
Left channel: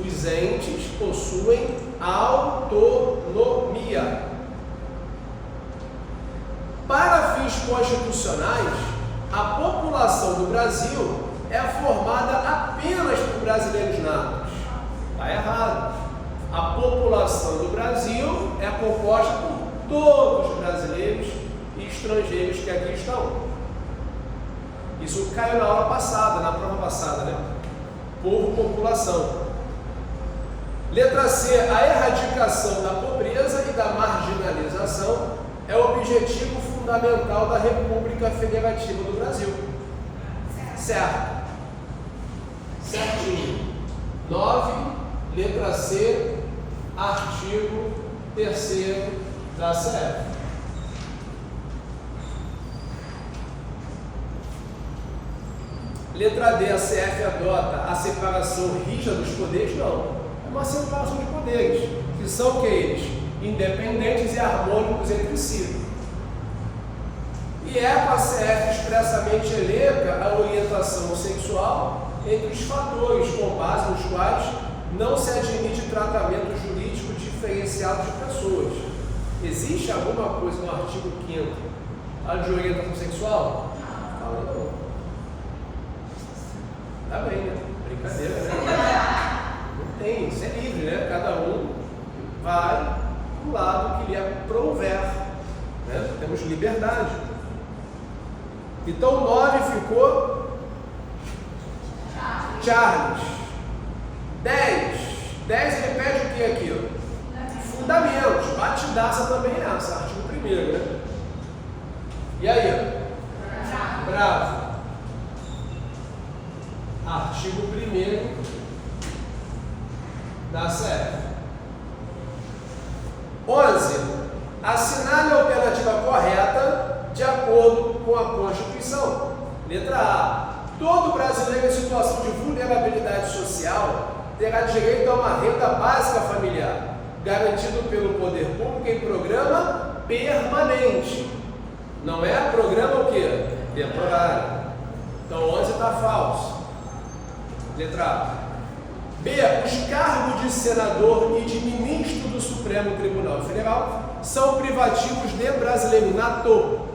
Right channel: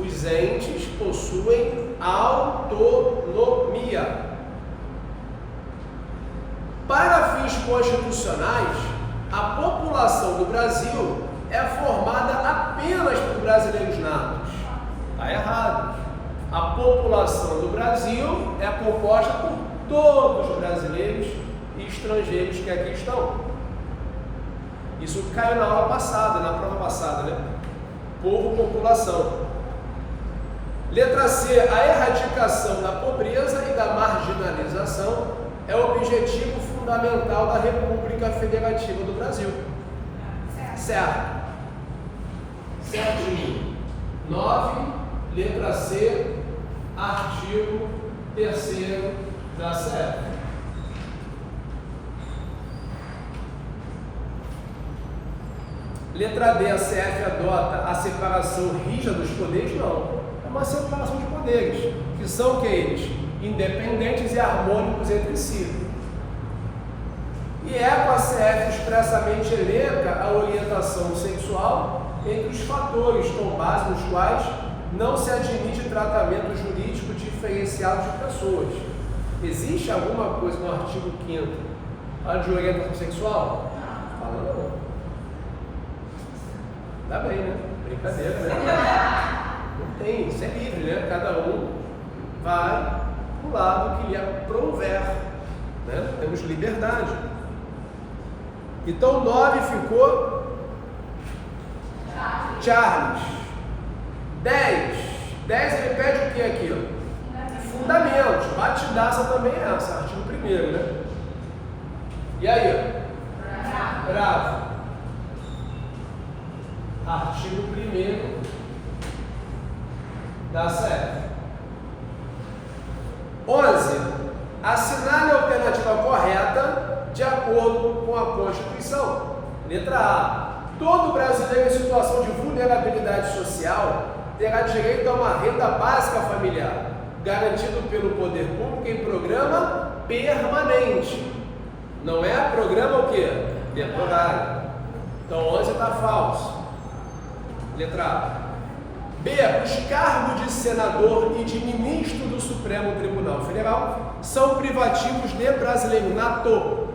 Os entes possuem autonomia. Para fins constitucionais, a população do Brasil é formada apenas por brasileiros natos. Está errado. A população do Brasil é composta por todos os brasileiros e estrangeiros que aqui estão. Isso caiu na aula passada, na prova passada, né? Povo, população. Letra C. A erradicação da pobreza e da marginalização é o objetivo fundamental da República Federativa do Brasil. Certo. Certinho. 9, letra C, artigo 3º da CF. Letra D, a CF adota a separação rígida dos poderes? Não. É uma separação de poderes, que são que eles? Independentes e harmônicos entre si. E a CF expressamente elenca a orientação sexual entre os fatores com base nos quais não se admite tratamento jurídico diferenciado de pessoas. Existe alguma coisa no artigo 5º de orientação sexual? Fala não. Tá bem, né? Brincadeira, né? Não tem, isso é livre, né? Cada um vai pro lado que lhe aprouver, né? Temos liberdade. Então 9 ficou Charles. 10 ele pede o que aqui? Ó? Fundamentos. Batidaça também é essa, artigo 1º, né? E aí? Ó? Bravo. Artigo 1º da CF. 11. Assinale a alternativa correta de acordo com a Constituição. Letra A. Todo brasileiro em situação de vulnerabilidade social terá direito a uma renda básica familiar, garantido pelo poder público em programa permanente. Não é programa o quê? Temporário. Então 11 está falso. Letra A. B. Os cargos de senador e de ministro do Supremo Tribunal Federal são privativos de brasileiro nato.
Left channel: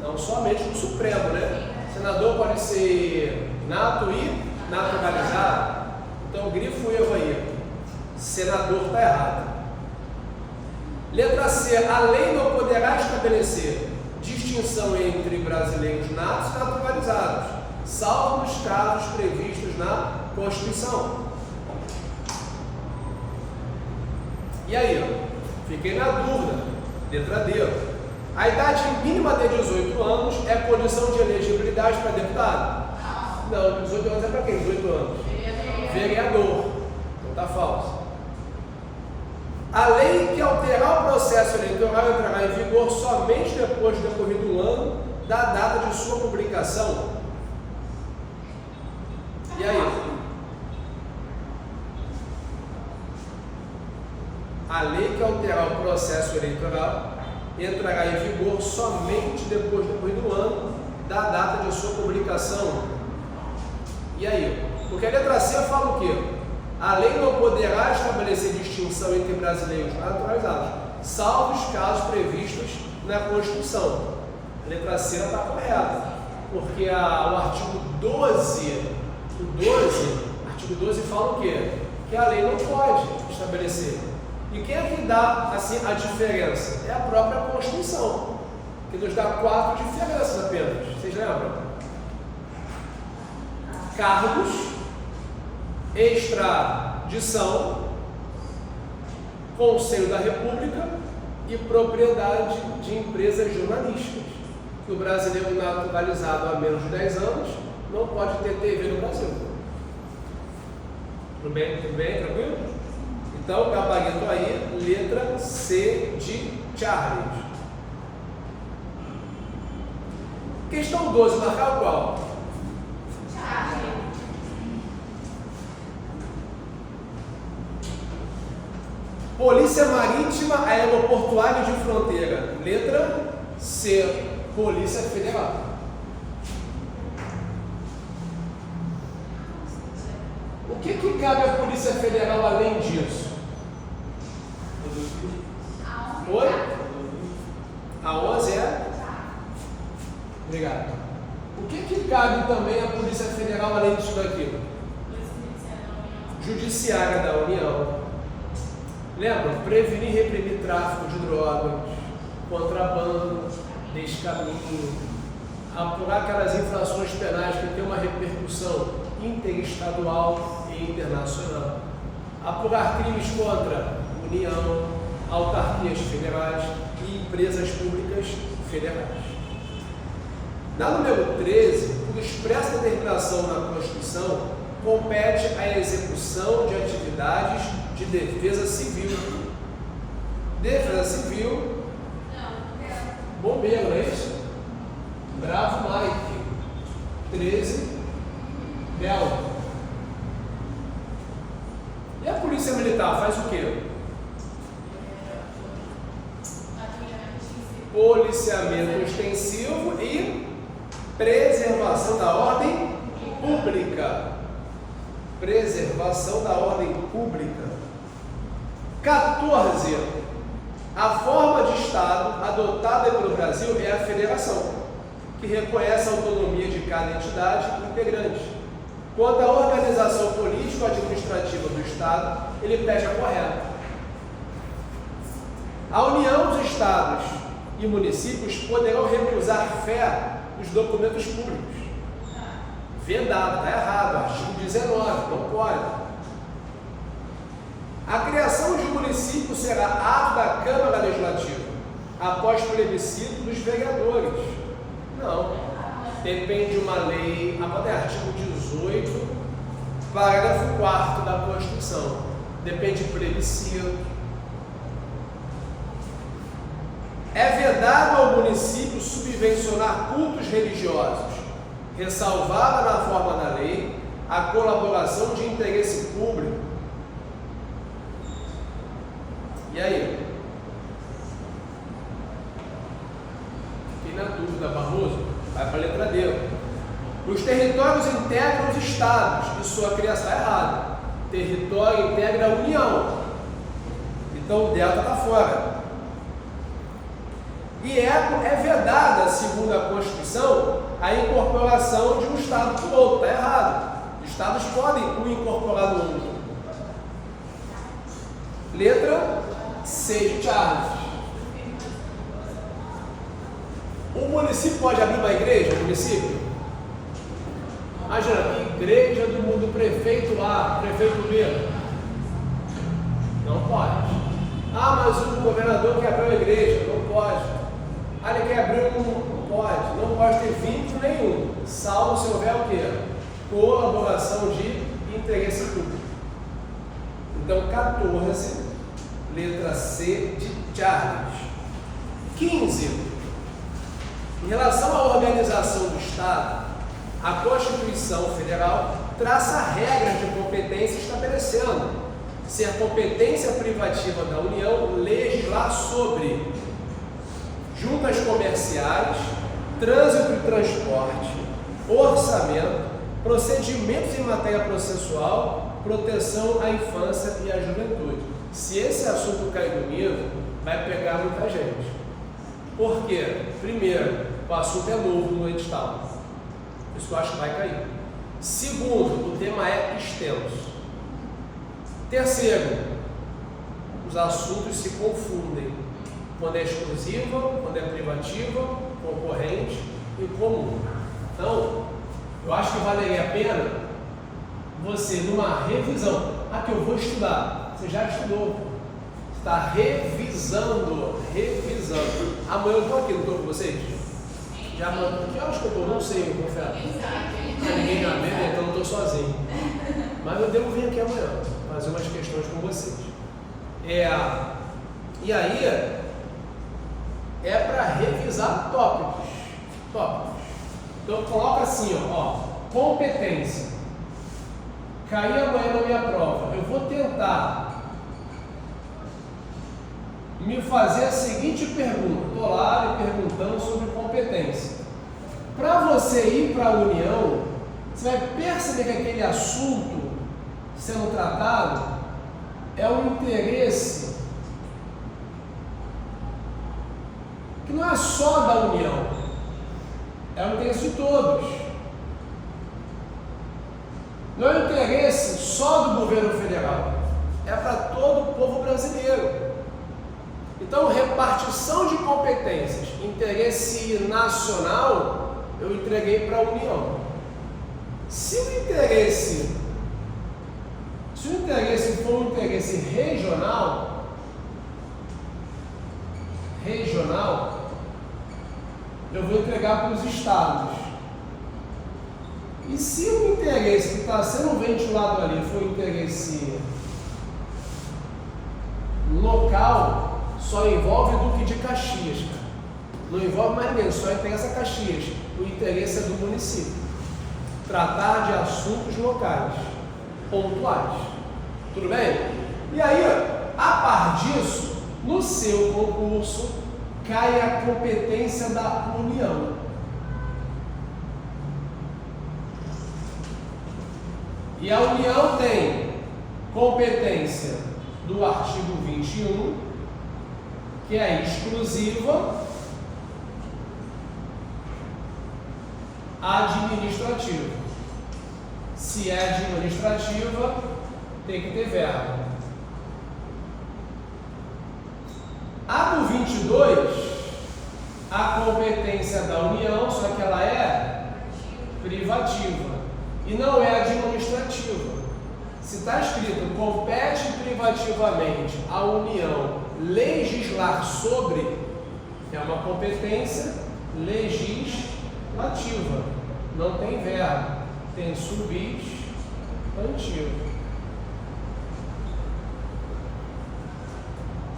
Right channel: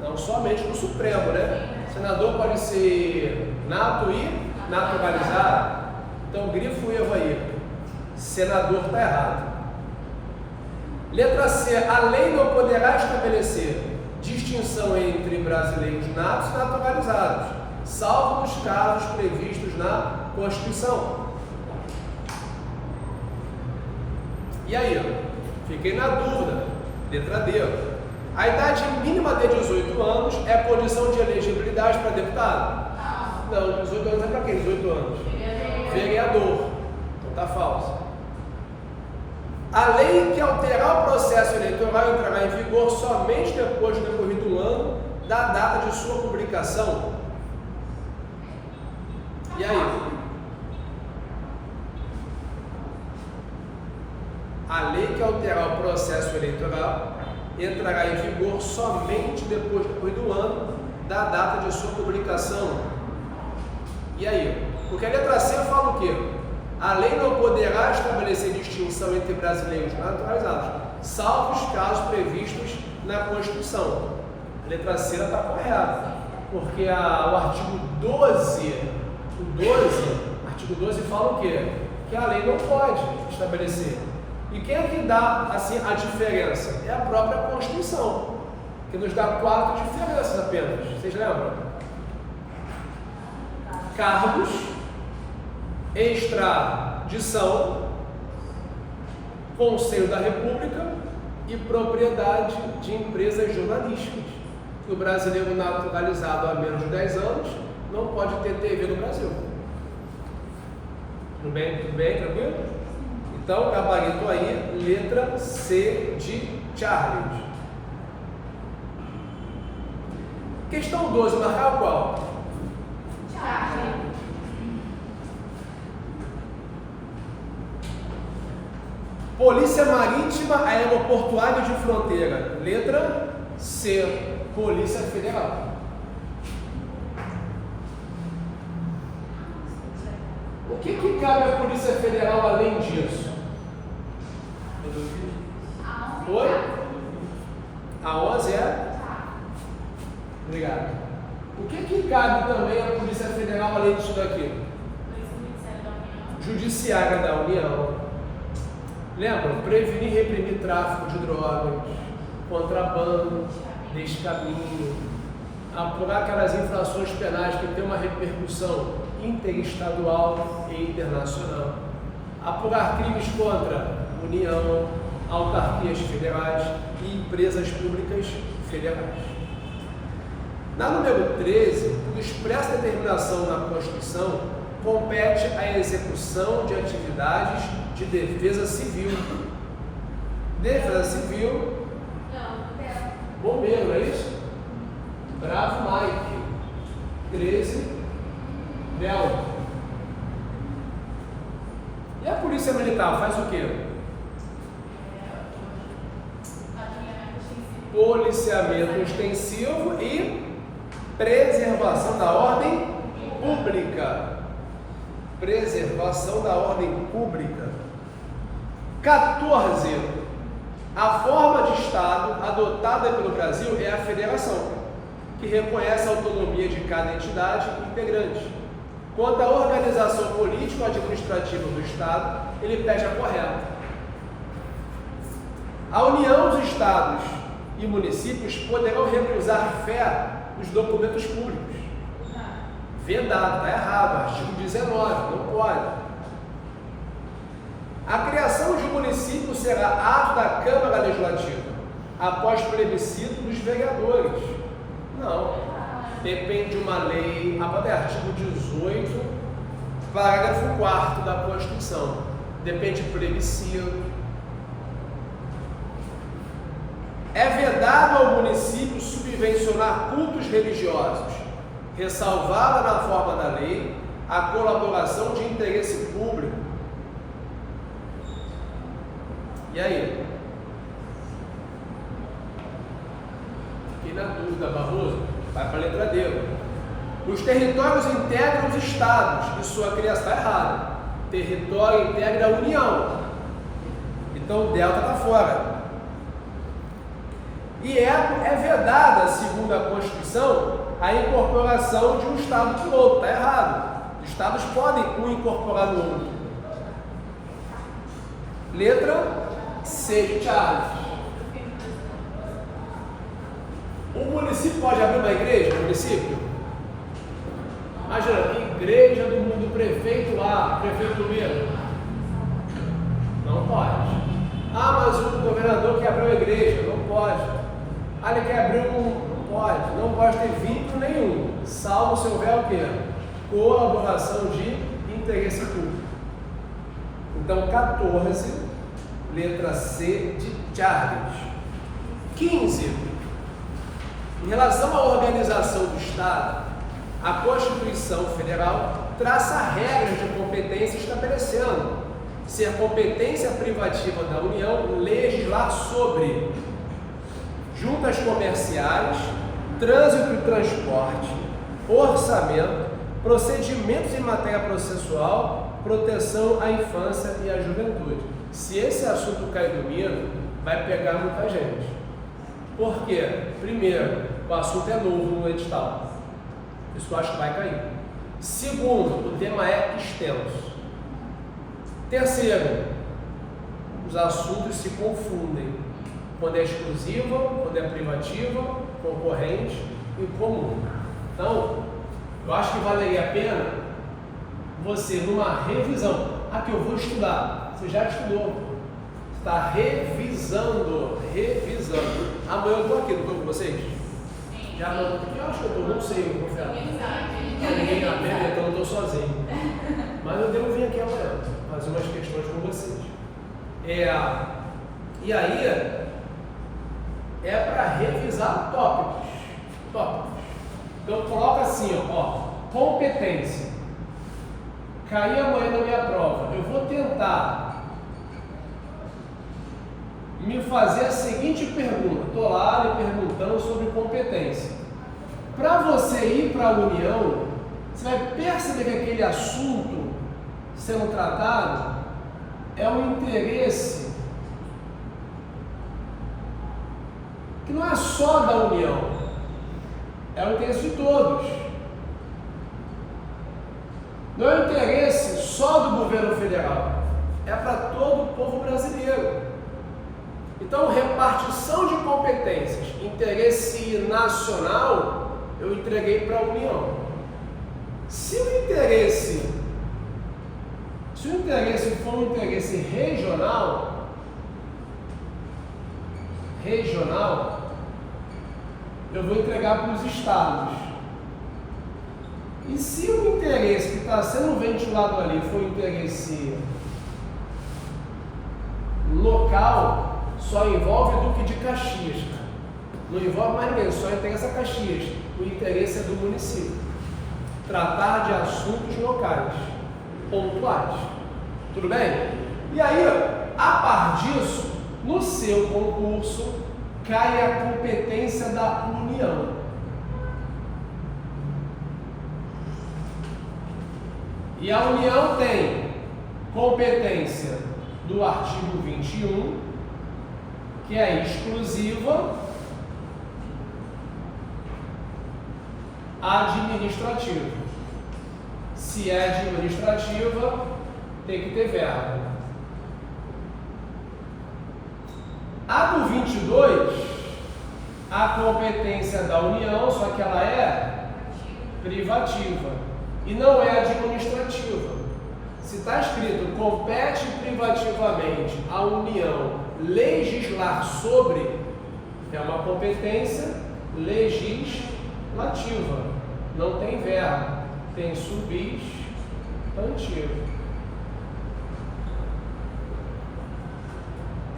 Não somente do Supremo, né? Senador pode ser nato e naturalizado. Então grifo erro aí. Senador está errado. Letra C. A lei não poderá estabelecer distinção entre brasileiros natos e naturalizados, salvo nos casos previstos na Constituição. E aí? Fiquei na dúvida. Letra D. A idade mínima de 18 anos é condição de elegibilidade para deputado? Não, 18 anos é para quem? 18 anos? Vereador. Então tá falso. A lei que alterar o processo eleitoral entrará em vigor somente depois de decorrido um ano da data de sua publicação. E aí? A lei que alterar o processo eleitoral entrará em vigor somente depois do ano da data de sua publicação. E aí? Porque a letra C fala o quê? A lei não poderá estabelecer distinção entre brasileiros naturalizados, salvo os casos previstos na Constituição. A letra C está correta, porque o artigo 12, artigo 12 fala o quê? Que a lei não pode estabelecer. E quem é que dá assim a diferença? É a própria Constituição, que nos dá 4 diferenças apenas. Vocês lembram? Cargos, extradição, Conselho da República e propriedade de empresas jornalísticas. Que o brasileiro naturalizado há menos de 10 anos não pode ter TV no Brasil. Tudo bem? Tudo bem? Tranquilo? Então, gabarito aí, letra C de Charles. Questão 12, marcar qual? Charles. Polícia Marítima Aeroportuária de Fronteira. Letra C, Polícia Federal. O que cabe à Polícia Federal além disso? Oi? A 11 é? Obrigado. O que cabe também à Polícia Federal além disso daqui? Judiciária da União. Lembram? Prevenir e reprimir tráfico de drogas, contrabando, descaminho, apurar aquelas infrações penais que têm uma repercussão interestadual e internacional, apurar crimes contra União, autarquias federais e empresas públicas federais. Na número 13, por expressa determinação na Constituição, compete a execução de atividades de defesa civil. Defesa civil, bombeiro, não é isso? Bravo Mike. 13, Belo. E a Polícia Militar faz o quê? Policiamento extensivo e preservação da ordem pública. Preservação da ordem pública. 14. A forma de Estado adotada pelo Brasil é a federação, que reconhece a autonomia de cada entidade integrante. Quanto à organização político-administrativa do Estado, ele pede a correta. A União dos Estados e municípios poderão recusar fé nos documentos públicos. Vedado, está errado, artigo 19, não pode. A criação de um município será ato da Câmara Legislativa, após plebiscito dos vereadores. Não, depende de uma lei, artigo 18, parágrafo 4º da Constituição. Depende de plebiscito. É vedado ao município subvencionar cultos religiosos, ressalvada na forma da lei a colaboração de interesse público. E aí? Fiquei na dúvida, Barroso. Vai para a letra D. Os territórios integram os estados e sua criação está errada. Território integra a União. Então o delta está fora. E é vedada, segundo a Constituição, a incorporação de um estado por outro. Está errado. Os estados podem um incorporar no outro. Letra C de Charles. O município pode abrir uma igreja? O município? Imagina, igreja do mundo, prefeito lá, prefeito mesmo. Não pode. Ah, mas o governador quer abrir uma igreja. Não pode. Ah, ele quer abrir não pode. Não pode ter vínculo nenhum. Salvo se houver o quê? Colaboração de interesse público. Então, 14, letra C de Charles. 15. Em relação à organização do Estado, a Constituição Federal traça regras de competência estabelecendo ser competência privativa da União legislar sobre juntas comerciais, trânsito e transporte, orçamento, procedimentos em matéria processual, proteção à infância e à juventude. Se esse assunto cair domingo, vai pegar muita gente. Por quê? Primeiro, o assunto é novo no edital. Por isso eu acho que vai cair. Segundo, o tema é extenso. Terceiro, os assuntos se confundem. Quando é exclusiva, quando é privativa, concorrente e comum. Então, eu acho que valeria a pena você, numa revisão, que eu vou estudar. Você já estudou. Está revisando. Amanhã eu estou aqui, não estou com vocês? Já mando. Que horas que eu estou? Não sei, eu confesso. Ninguém está vendo, então eu estou sozinho. Mas eu devo vir aqui amanhã, fazer umas questões com vocês. E aí, é para revisar tópicos. Então coloca assim, ó, competência. Cair amanhã na minha prova, eu vou tentar me fazer a seguinte pergunta. Estou lá me perguntando sobre competência. Para você ir para a União, você vai perceber que aquele assunto sendo tratado é um interesse que não é só da União, é o interesse de todos. Não é um interesse só do governo federal, é para todo o povo brasileiro. Então, repartição de competências, interesse nacional, eu entreguei para a União. Se o interesse for um interesse regional, eu vou entregar para os estados. E se o interesse que está sendo ventilado ali for interesse local, só envolve Duque de Caxias, cara. Não envolve mais ninguém, só interessa Caxias. O interesse é do município. Tratar de assuntos locais, pontuais. Tudo bem? E aí, a par disso, no seu concurso, cai a competência da União. E a União tem competência do artigo 21, que é exclusiva, administrativa. Se é administrativa, tem que ter verba. A do 22, a competência da União, só que ela é privativa e não é administrativa. Se está escrito, compete privativamente à União legislar sobre, é uma competência legislativa. Não tem verbo, tem substantivo.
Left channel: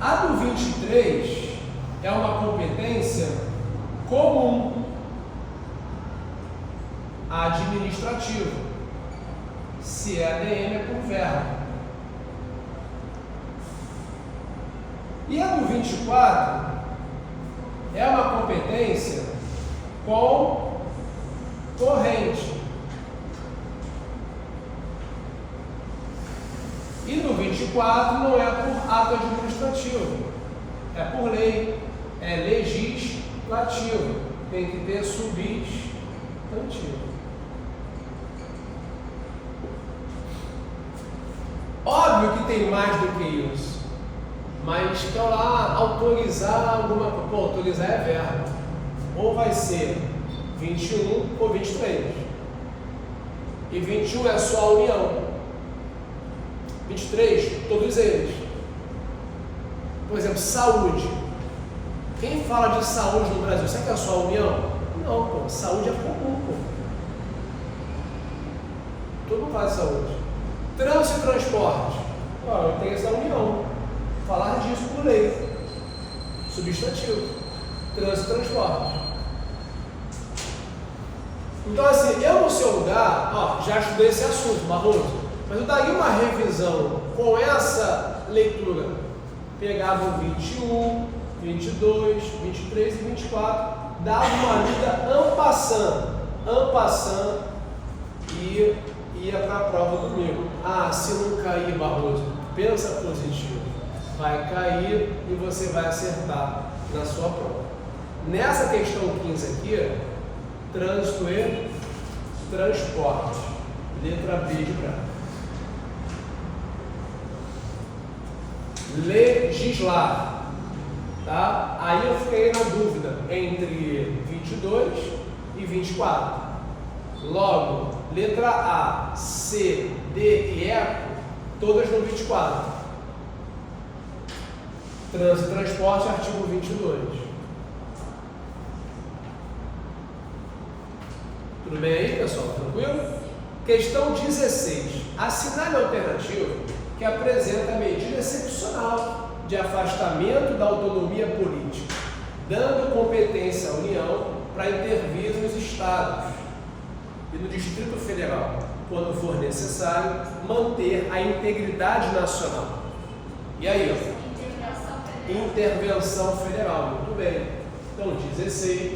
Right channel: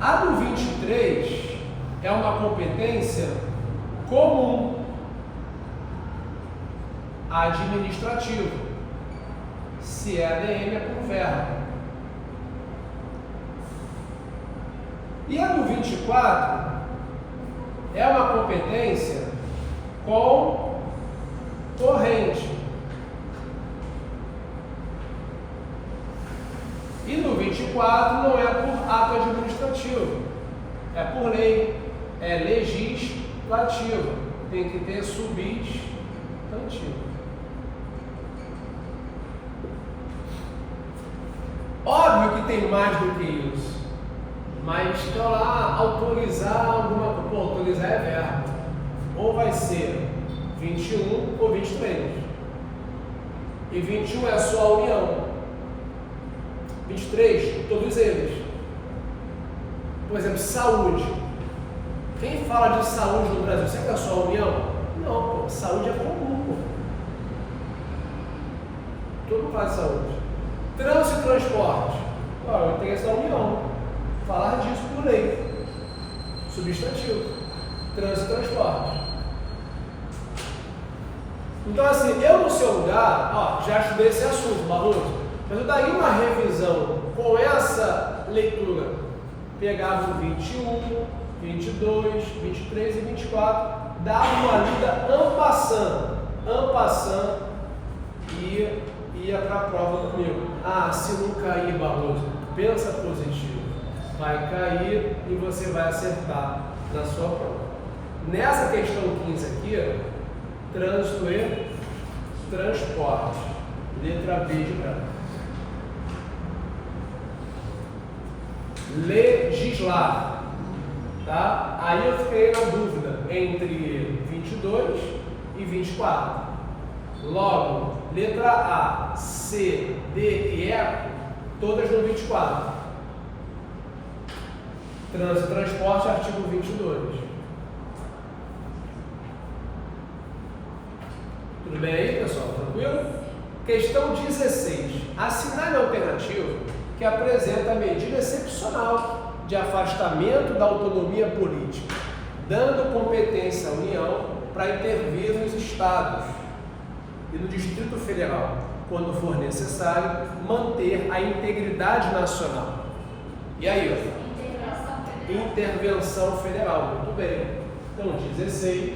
A do 23 é uma competência comum, administrativa. Se é ADM, é por verbo. E a do 24 é uma competência concorrente. E no 24 não é por ato administrativo, é por lei, é legislativo, tem que ter substantivo. Óbvio que tem mais do que isso, mas para lá autorizar alguma coisa, autorizar é verbo, ou vai ser 21 ou 23, e 21 é só a União. 23, todos eles. Por exemplo, saúde. Quem fala de saúde no Brasil, será que é só a União? Não, pô, saúde é comum, pô. Todo mundo fala de saúde. Trânsito e transporte. Olha, tem essa União. Falar disso por lei. Substantivo. Trânsito e transporte. Então, assim, eu no seu lugar, já estudei esse assunto, Barroso, mas eu daria uma revisão com essa leitura. Pegava o 21, 22, 23 e 24, dava uma lida en passant, e ia para a prova comigo. Se não cair, Barroso, pensa positivo. Vai cair e você vai acertar na sua prova. Nessa questão 15 aqui, trânsito e transporte. Letra B de branco. Legislar. Tá? Aí eu fiquei na dúvida entre 22 e 24. Logo, letra A, C, D e E, todas no 24. Trânsito e transporte, artigo 22. Tudo bem aí, pessoal? Tranquilo? Questão 16. Assinale a alternativa que apresenta a medida excepcional de afastamento da autonomia política, dando competência à União para intervir nos estados e no Distrito Federal, quando for necessário, manter a integridade nacional. E aí, intervenção federal, muito bem. Então, 16,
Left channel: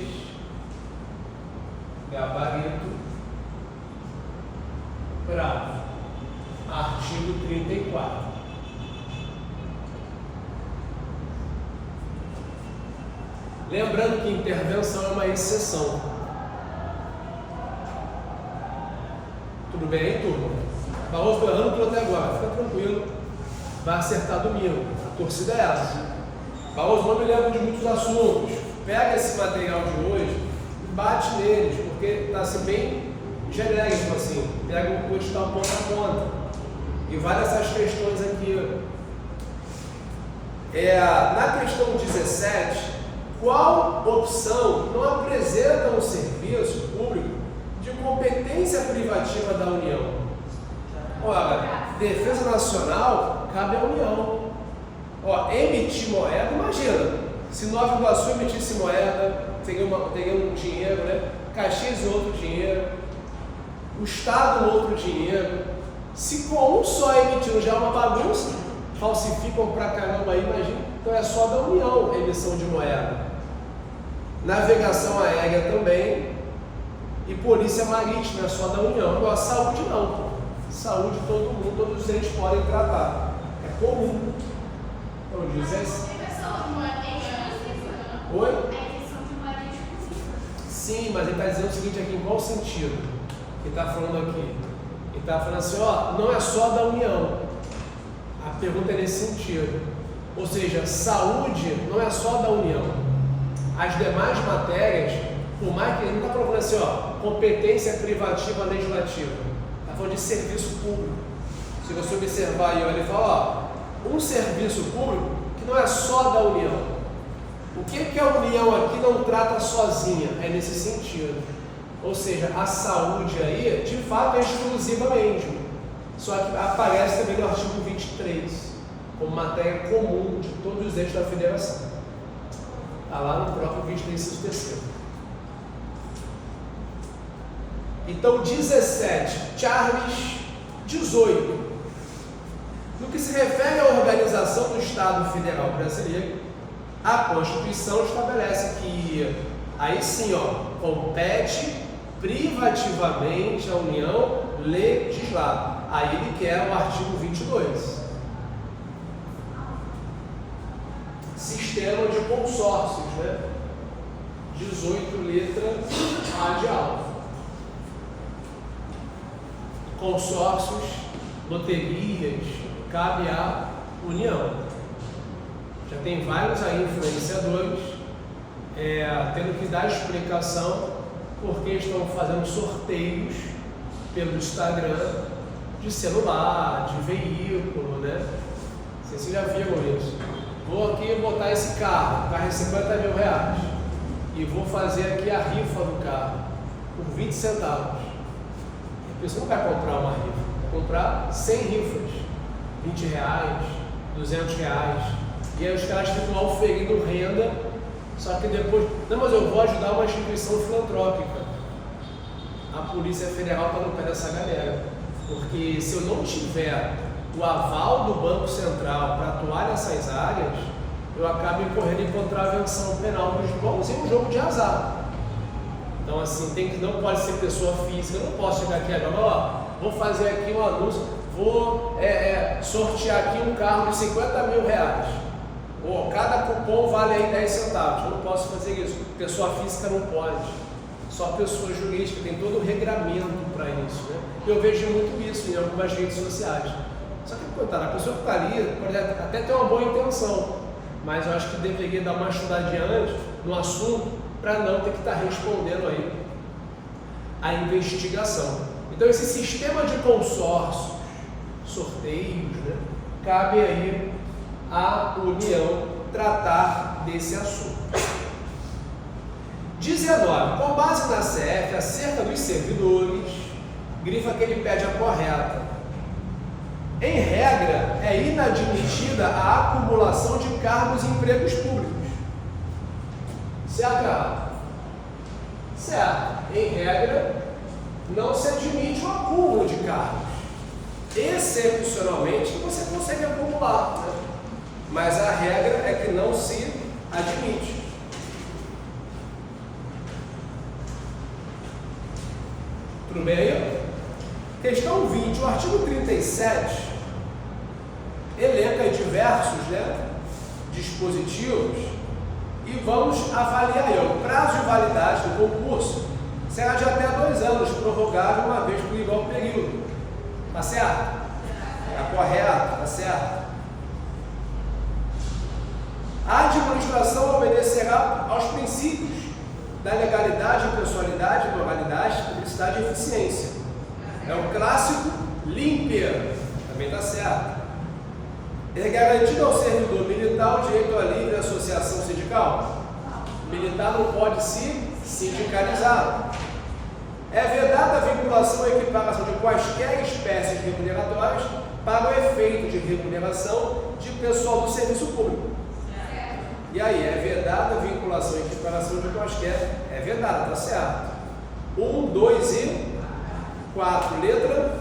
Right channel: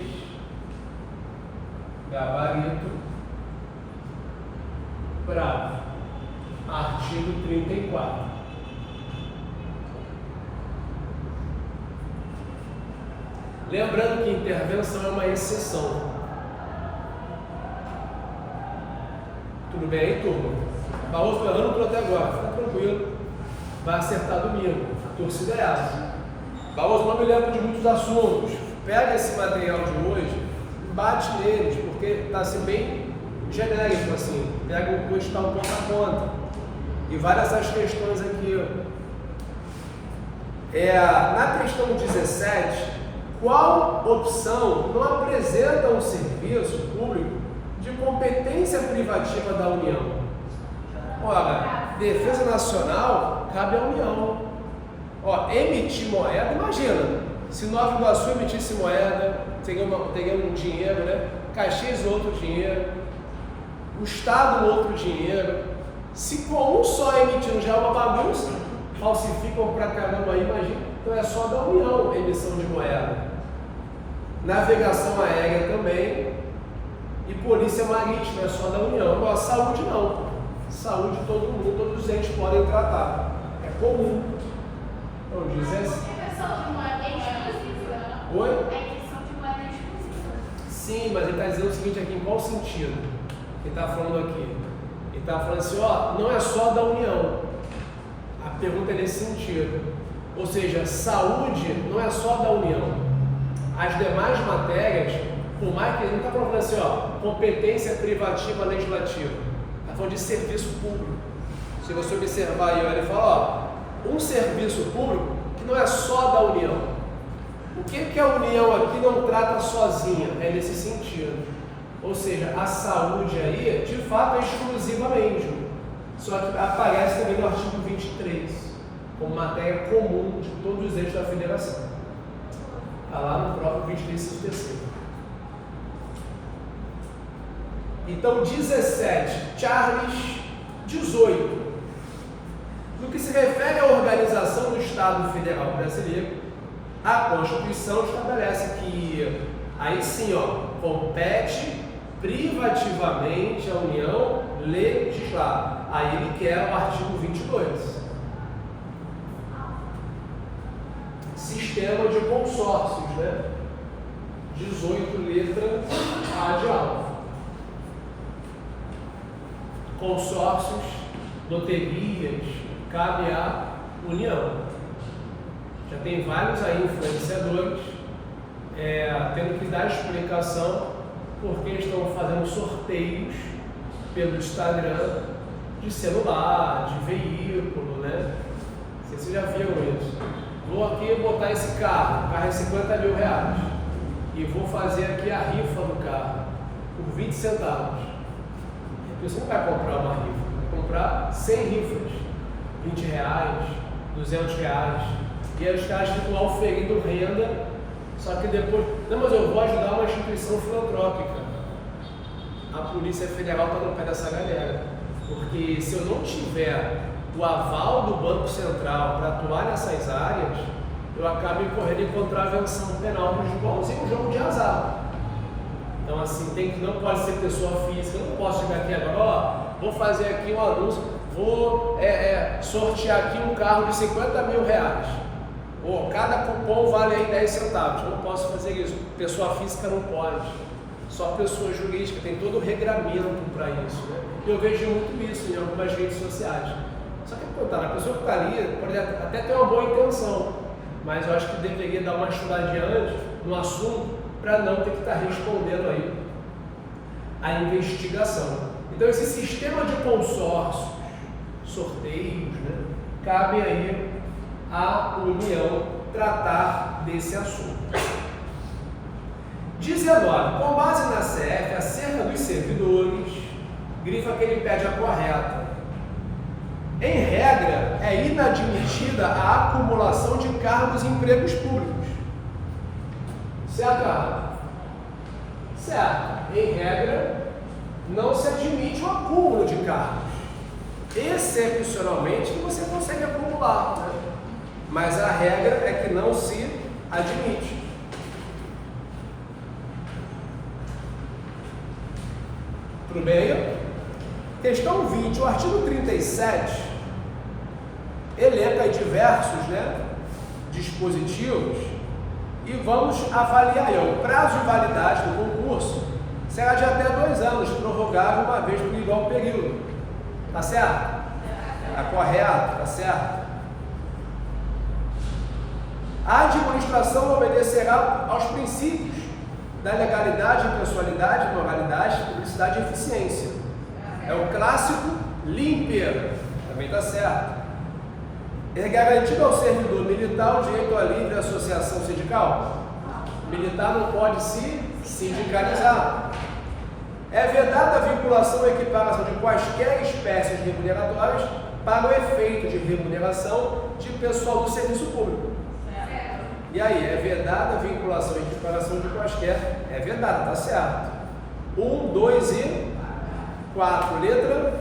gabarito, bravo, artigo 34. Lembrando que intervenção é uma exceção. Tudo bem aí, turma? Barroso foi errando até agora, fica tranquilo, vai acertar domingo, a torcida é essa. Barroso, não me lembro de muitos assuntos. Pega esse material de hoje e bate neles, porque está assim bem genérico, assim. Pega o curso, está um ponto a ponta. E vai nessas questões aqui. Na questão 17, qual opção não apresenta um serviço público de competência privativa da União? Ora, defesa nacional cabe à União. Emitir moeda, imagina, se Nova Iguaçu emitisse moeda, teria um dinheiro, né? Caxias outro dinheiro, o Estado outro dinheiro. Se com um só emitindo já é uma bagunça, falsificam pra caramba aí, imagina. Então é só da União a emissão de moeda. Navegação aérea também, e polícia marítima é só da União. Agora, saúde não. Saúde todo mundo, todos os entes podem tratar. É comum. Então diz esse. Oi? Sim, mas ele está dizendo o seguinte aqui, em qual sentido? Ele está falando aqui. Ele está falando assim, não é só da União. A pergunta é nesse sentido. Ou seja, saúde não é só da União. As demais matérias, por mais que ele não está falando assim, competência privativa legislativa. Está falando de serviço público. Se você observar aí, ele fala, um serviço público que não é só da União. O que a União aqui não trata sozinha? É nesse sentido. Ou seja, a saúde aí, de fato, é exclusivamente. Só que aparece também no artigo 23, como matéria comum de todos os entes da federação. Está lá no próprio 23, terceiro. Então, 17, Charles 18. No que se refere à organização do Estado Federal Brasileiro, a Constituição estabelece que, aí sim, compete privativamente à União legislar. Aí ele quer o artigo 22. Sistema de consórcios, né? 18 letras A de alfa. Consórcios, loterias, cabe à União. Já tem vários aí influenciadores tendo que dar explicação porque estão fazendo sorteios pelo Instagram de celular, de veículo, né? Não sei se vocês já viram isso. vou aqui botar esse carro, o carro é 50 mil reais, e vou fazer aqui a rifa do carro, por 20 centavos. A pessoa não vai comprar uma rifa, vai comprar 100 rifas, 20 reais, 200 reais, e aí os caras ficam auferindo renda, só que depois, não, mas eu vou ajudar uma instituição filantrópica. A Polícia Federal está no pé dessa galera, porque se eu não tiver o aval do Banco Central para atuar nessas áreas, eu acabo incorrendo em contravenção penal, igualzinho um jogo de azar. Então assim, não pode ser pessoa física, eu não posso chegar aqui agora, ó, vou fazer aqui um anúncio, vou sortear aqui um carro de 50 mil reais. Cada cupom vale aí 10 centavos, eu não posso fazer isso. Pessoa física não pode, só pessoa jurídica, tem todo o regramento para isso, né? Eu vejo muito isso em algumas redes sociais. Só que, coitada, a pessoa que está ali pode até ter uma boa intenção, mas eu acho que deveria dar uma estudadinha antes no assunto para não ter que estar respondendo aí a investigação. Então, esse sistema de consórcios, sorteios, né, cabe aí à União tratar desse assunto. 19. Com base na CF, acerca dos servidores, grifa que ele pede a correta. Em regra, é inadmitida a acumulação de cargos e empregos públicos. Certo? Certo. Em regra, não se admite o acúmulo de cargos. Excepcionalmente, você consegue acumular, né? Mas a regra é que não se admite. Tudo bem aí? Questão 20. O artigo 37 elenca aí diversos, né, dispositivos e vamos avaliar aí. O prazo de validade do concurso será de até 2 anos, prorrogável uma vez por igual período. Tá certo? Tá correto? Tá certo? A administração obedecerá aos princípios da legalidade, impessoalidade, moralidade, publicidade e eficiência. É o clássico limper, também está certo. É garantido ao servidor militar o direito à livre associação sindical? Militar não pode se sindicalizar. É vedada a vinculação ou equiparação de quaisquer espécies remuneratórias para o efeito de remuneração de pessoal do serviço público. E aí, é vedada a vinculação e equiparação de quaisquer? É vedada, tá certo. 1, 2 e 4. Letra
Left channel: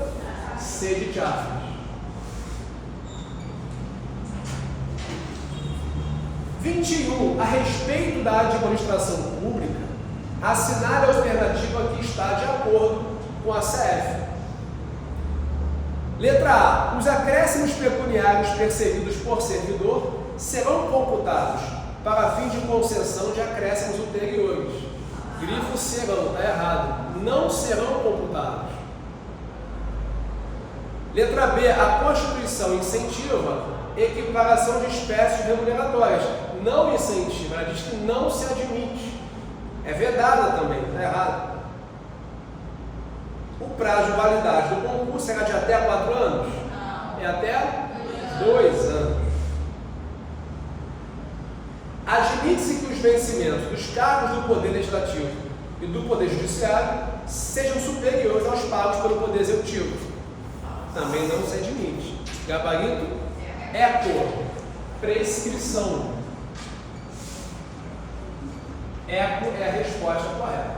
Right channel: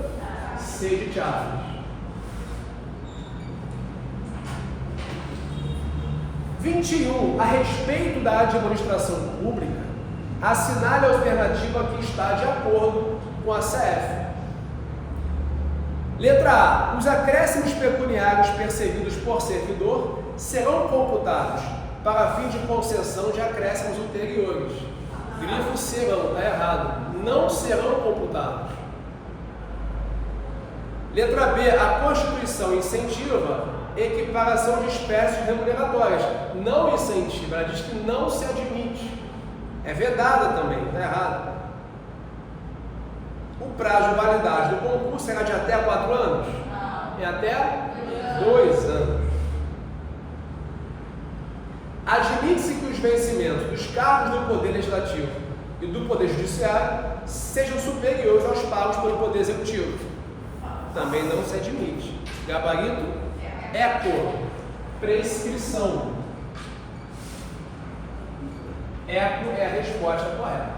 C de Chaves. 21. A respeito da administração pública, assinale a alternativa que está de acordo com a CF. Letra A. Os acréscimos pecuniários percebidos por servidor serão computados para fim de concessão de acréscimos ulteriores. Grifo serão, está errado. Não serão computados. Letra B. A Constituição incentiva equiparação de espécies remuneratórias. Não incentiva, ela diz que não se admite. É vedada também, está errado. O prazo de validade do concurso será de até 4 anos? É até 2 anos. Admite-se que os vencimentos dos cargos do Poder Legislativo e do Poder Judiciário sejam superiores aos pagos pelo Poder Executivo. Também não se admite. Gabarito, eco, prescrição. Eco é a resposta correta.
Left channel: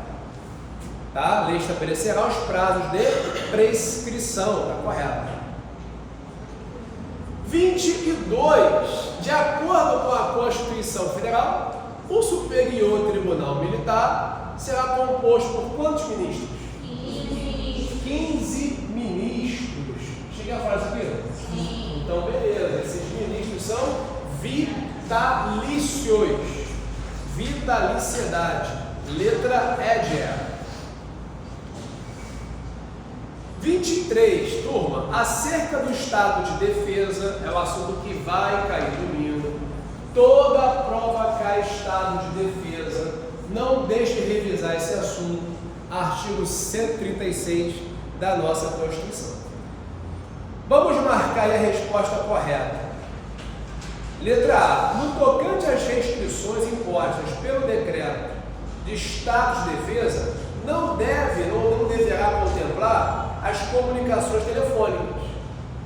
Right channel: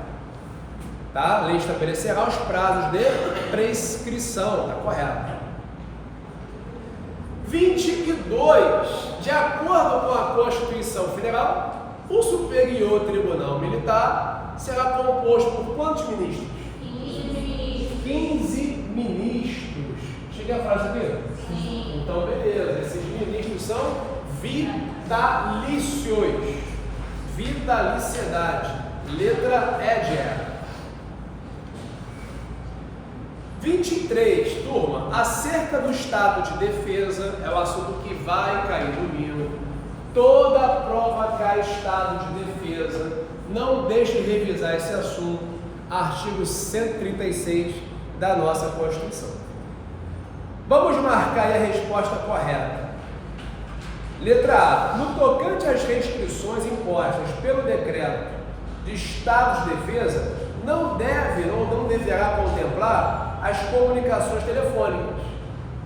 Tá? A lei estabelecerá os prazos de prescrição. Está correto. 22. De acordo com a Constituição Federal, o Superior Tribunal Militar será composto por quantos ministros? 15 ministros. Cheguei a falar isso aqui? Sim. Então, beleza. Esses ministros são vitalícios. Vitaliciedade. Letra E. 23, turma, acerca do estado de defesa, é o assunto que vai cair domingo. Toda prova cai estado de defesa. Não deixe de revisar esse assunto, artigo 136 da nossa Constituição. Vamos marcar aí a resposta correta. Letra A. No tocante às restrições impostas pelo decreto de estado de defesa, não deve ou não deverá contemplar as comunicações telefônicas.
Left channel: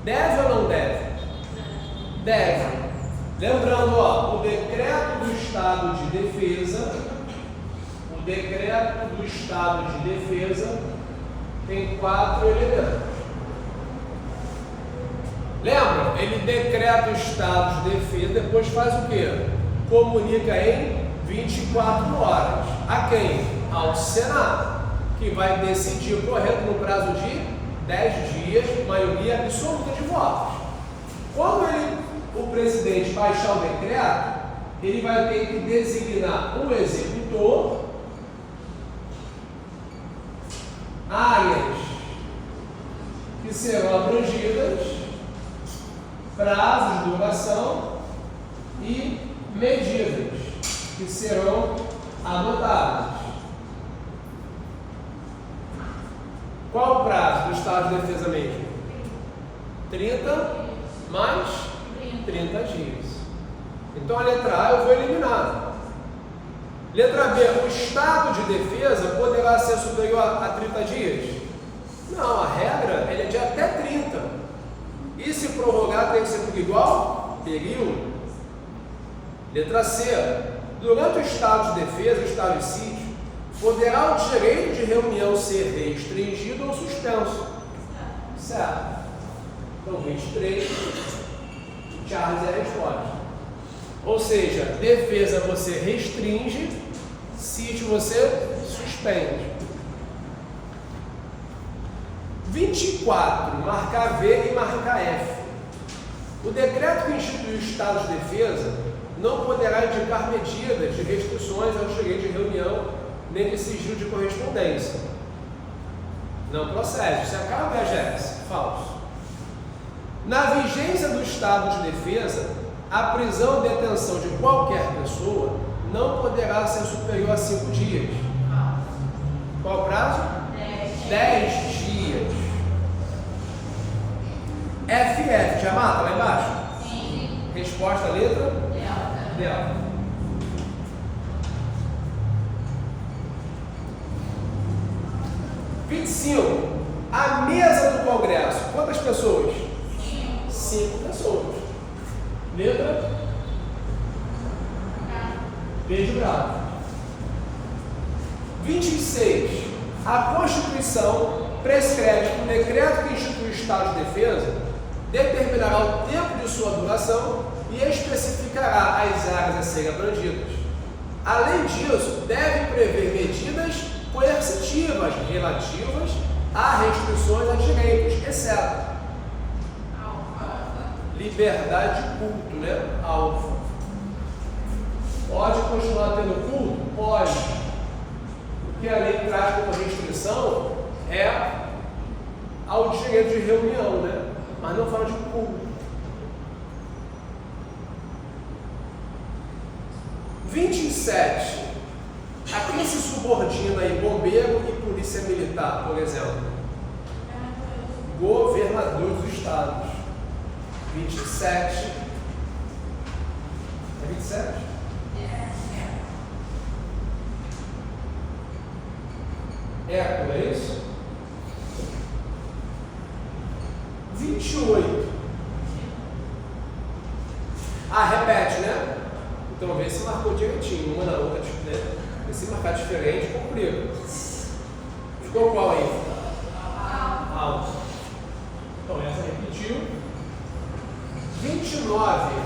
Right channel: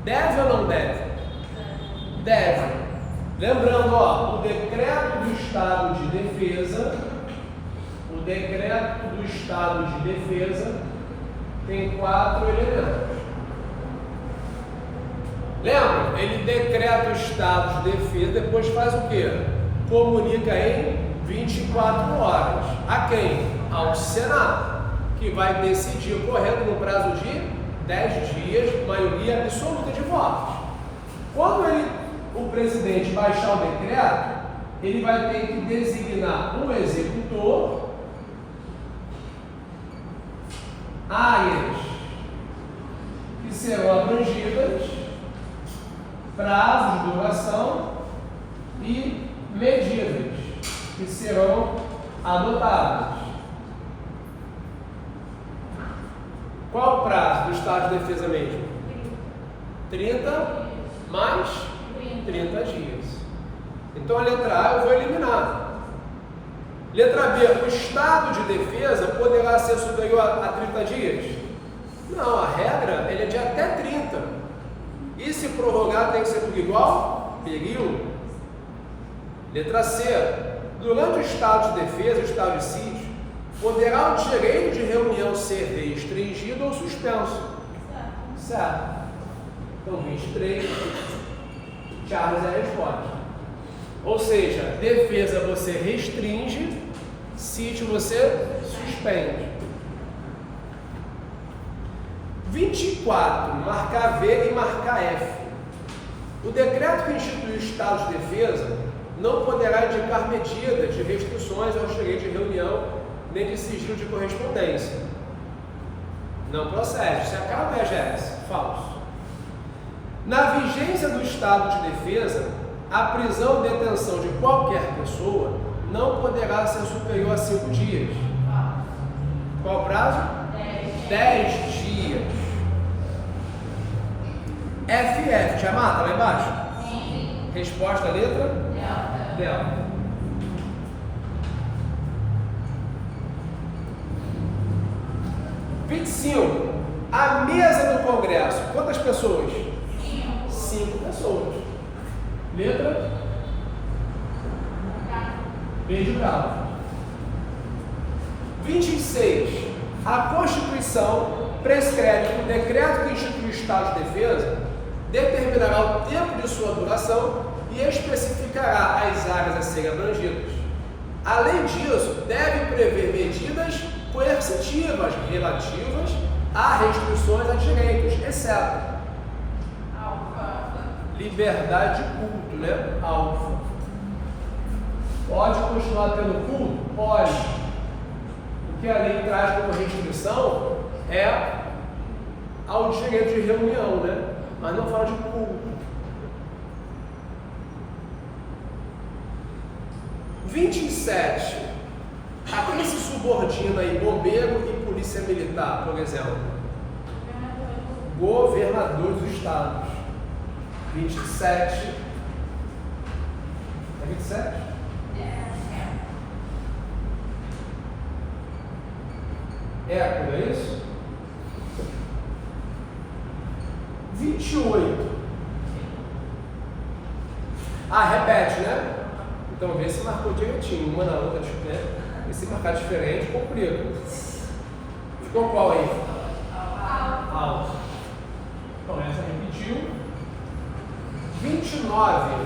Deve ou não deve? Deve. Lembrando, ó, o decreto do estado de defesa, tem 4 elementos. Lembra? Ele decreta o estado de defesa, depois faz o quê? Comunica em 24 horas. A quem? Ao Senado, que vai decidir correto no prazo de 10 dias, maioria absoluta de votos. Quando o presidente baixar o decreto, ele vai ter que designar um executor, áreas que serão abrangidas, prazos de duração e medidas que serão adotadas. Qual o prazo do estado de defesa mesmo? 30 mais 30 dias. Então a letra A eu vou eliminar. Letra B, o estado de defesa poderá ser superior a 30 dias? Não, a regra ele é de até 30. E se prorrogar tem que ser por igual período. Letra C, durante o estado de defesa, o estado de sítio, poderá o direito de reunião ser restringido ou suspenso. Certo. Então 23, Charles é a resposta. Ou seja, defesa você restringe, sítio você suspende. 24, marcar V e marcar F. O decreto que institui o estado de defesa não poderá indicar medidas de restrições ao direito de reunião nem de sigilo de correspondência. Não procede. Se acaba a EGS. Falso. Na vigência do estado de defesa, a prisão ou detenção de qualquer pessoa não poderá ser superior a 5 dias. Qual o prazo? 10 dias. FF, já mata lá embaixo? Sim. Resposta, letra? Delta. A mesa do Congresso, quantas pessoas? 5 pessoas. Letra? B de bravo. 26. A Constituição prescreve que o decreto que institui o estado de defesa determinará o tempo de sua duração e especificará as áreas a serem abrangidas. Além disso, deve prever medidas coercitivas relativas a restrições a direitos, exceto liberdade de culto, né? Alfa. Pode continuar tendo culto? Pode. O que a lei traz como restrição é ao direito de reunião, né? Mas não fala de culto. 27. A quem se subordina aí bombeiro e polícia militar, por exemplo? Governadores dos estados. 27. É 27? É isso? 28. Ah, repete, né? Então vê se marcou direitinho, uma na outra, né? E se marcar diferente, complica. Ficou qual aí? Alto. Então essa repetiu. 29.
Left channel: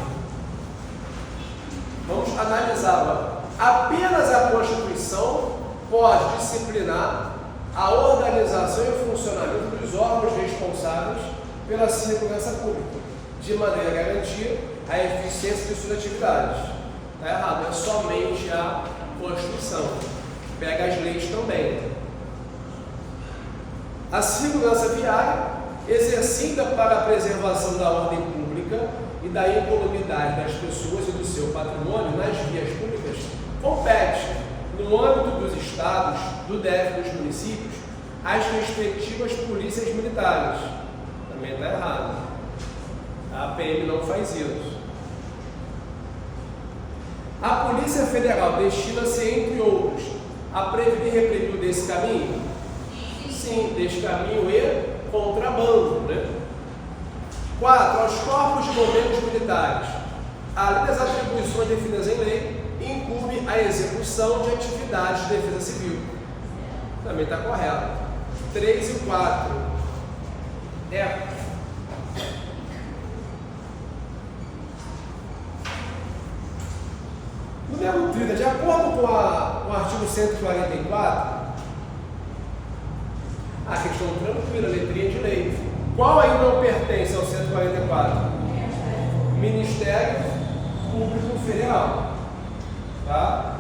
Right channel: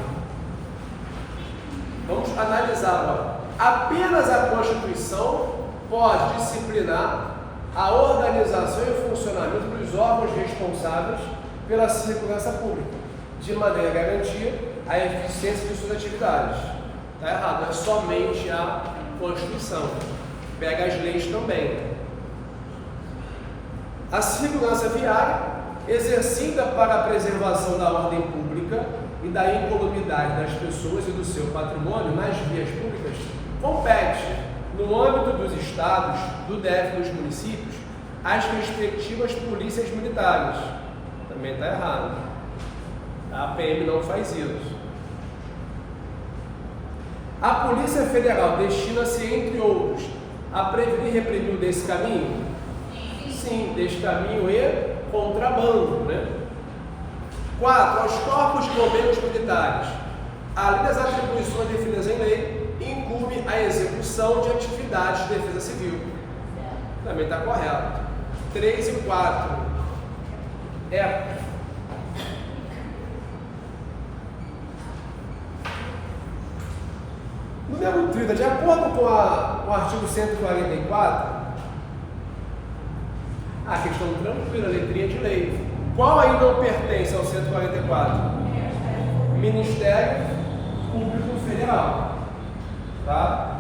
Vamos analisar agora. Apenas a Constituição pode disciplinar a organização e o funcionamento dos órgãos responsáveis pela segurança pública, de maneira a garantir a eficiência de suas atividades. Está errado, é somente a Constituição. Pega as leis também. A segurança viária, exercida para a preservação da ordem pública e da incolumidade das pessoas e do seu patrimônio nas vias públicas, compete, no âmbito dos estados, do DF dos municípios, às respectivas polícias militares. Também está errado. A PM não faz isso. A Polícia Federal destina-se, entre outros, a prevenir e reprimir o desse caminho? Sim, desse caminho e contrabando, né? 4. Aos corpos de bombeiros militares, além das atribuições definidas em lei, incumbe a execução de atividades de defesa civil. Também está correto. 3 e 4. Número 30. De acordo com o artigo 144, a questão tranquila, letrinha de lei. Qual aí não pertence ao 144? Ministério Público Federal. Tá?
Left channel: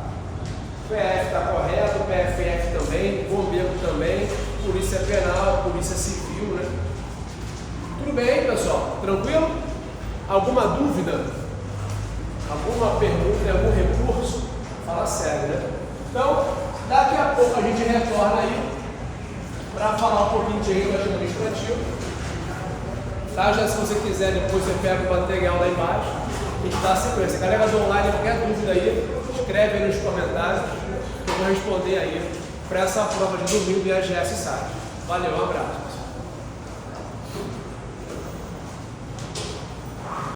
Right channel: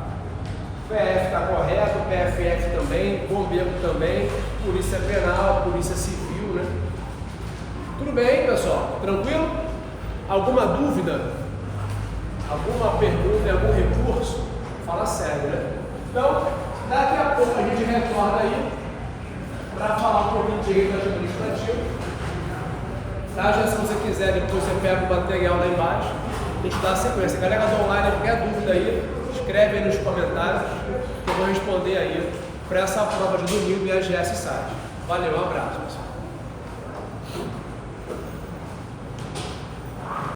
PF está correto, PFF também, Bombeiro também, Polícia Penal, Polícia Civil, né? Tudo bem, pessoal? Tranquilo? Alguma dúvida? Alguma pergunta, algum recurso? Fala sério, né? Então, daqui a pouco a gente retorna aí para falar um pouquinho de direito administrativo. Tá? Já se você quiser, depois você pega o material lá embaixo. A gente dá a sequência. Galera do online, qualquer dúvida aí, escreve aí nos comentários que eu vou responder aí para essa prova de domingo e a GS Site. Valeu, um abraço.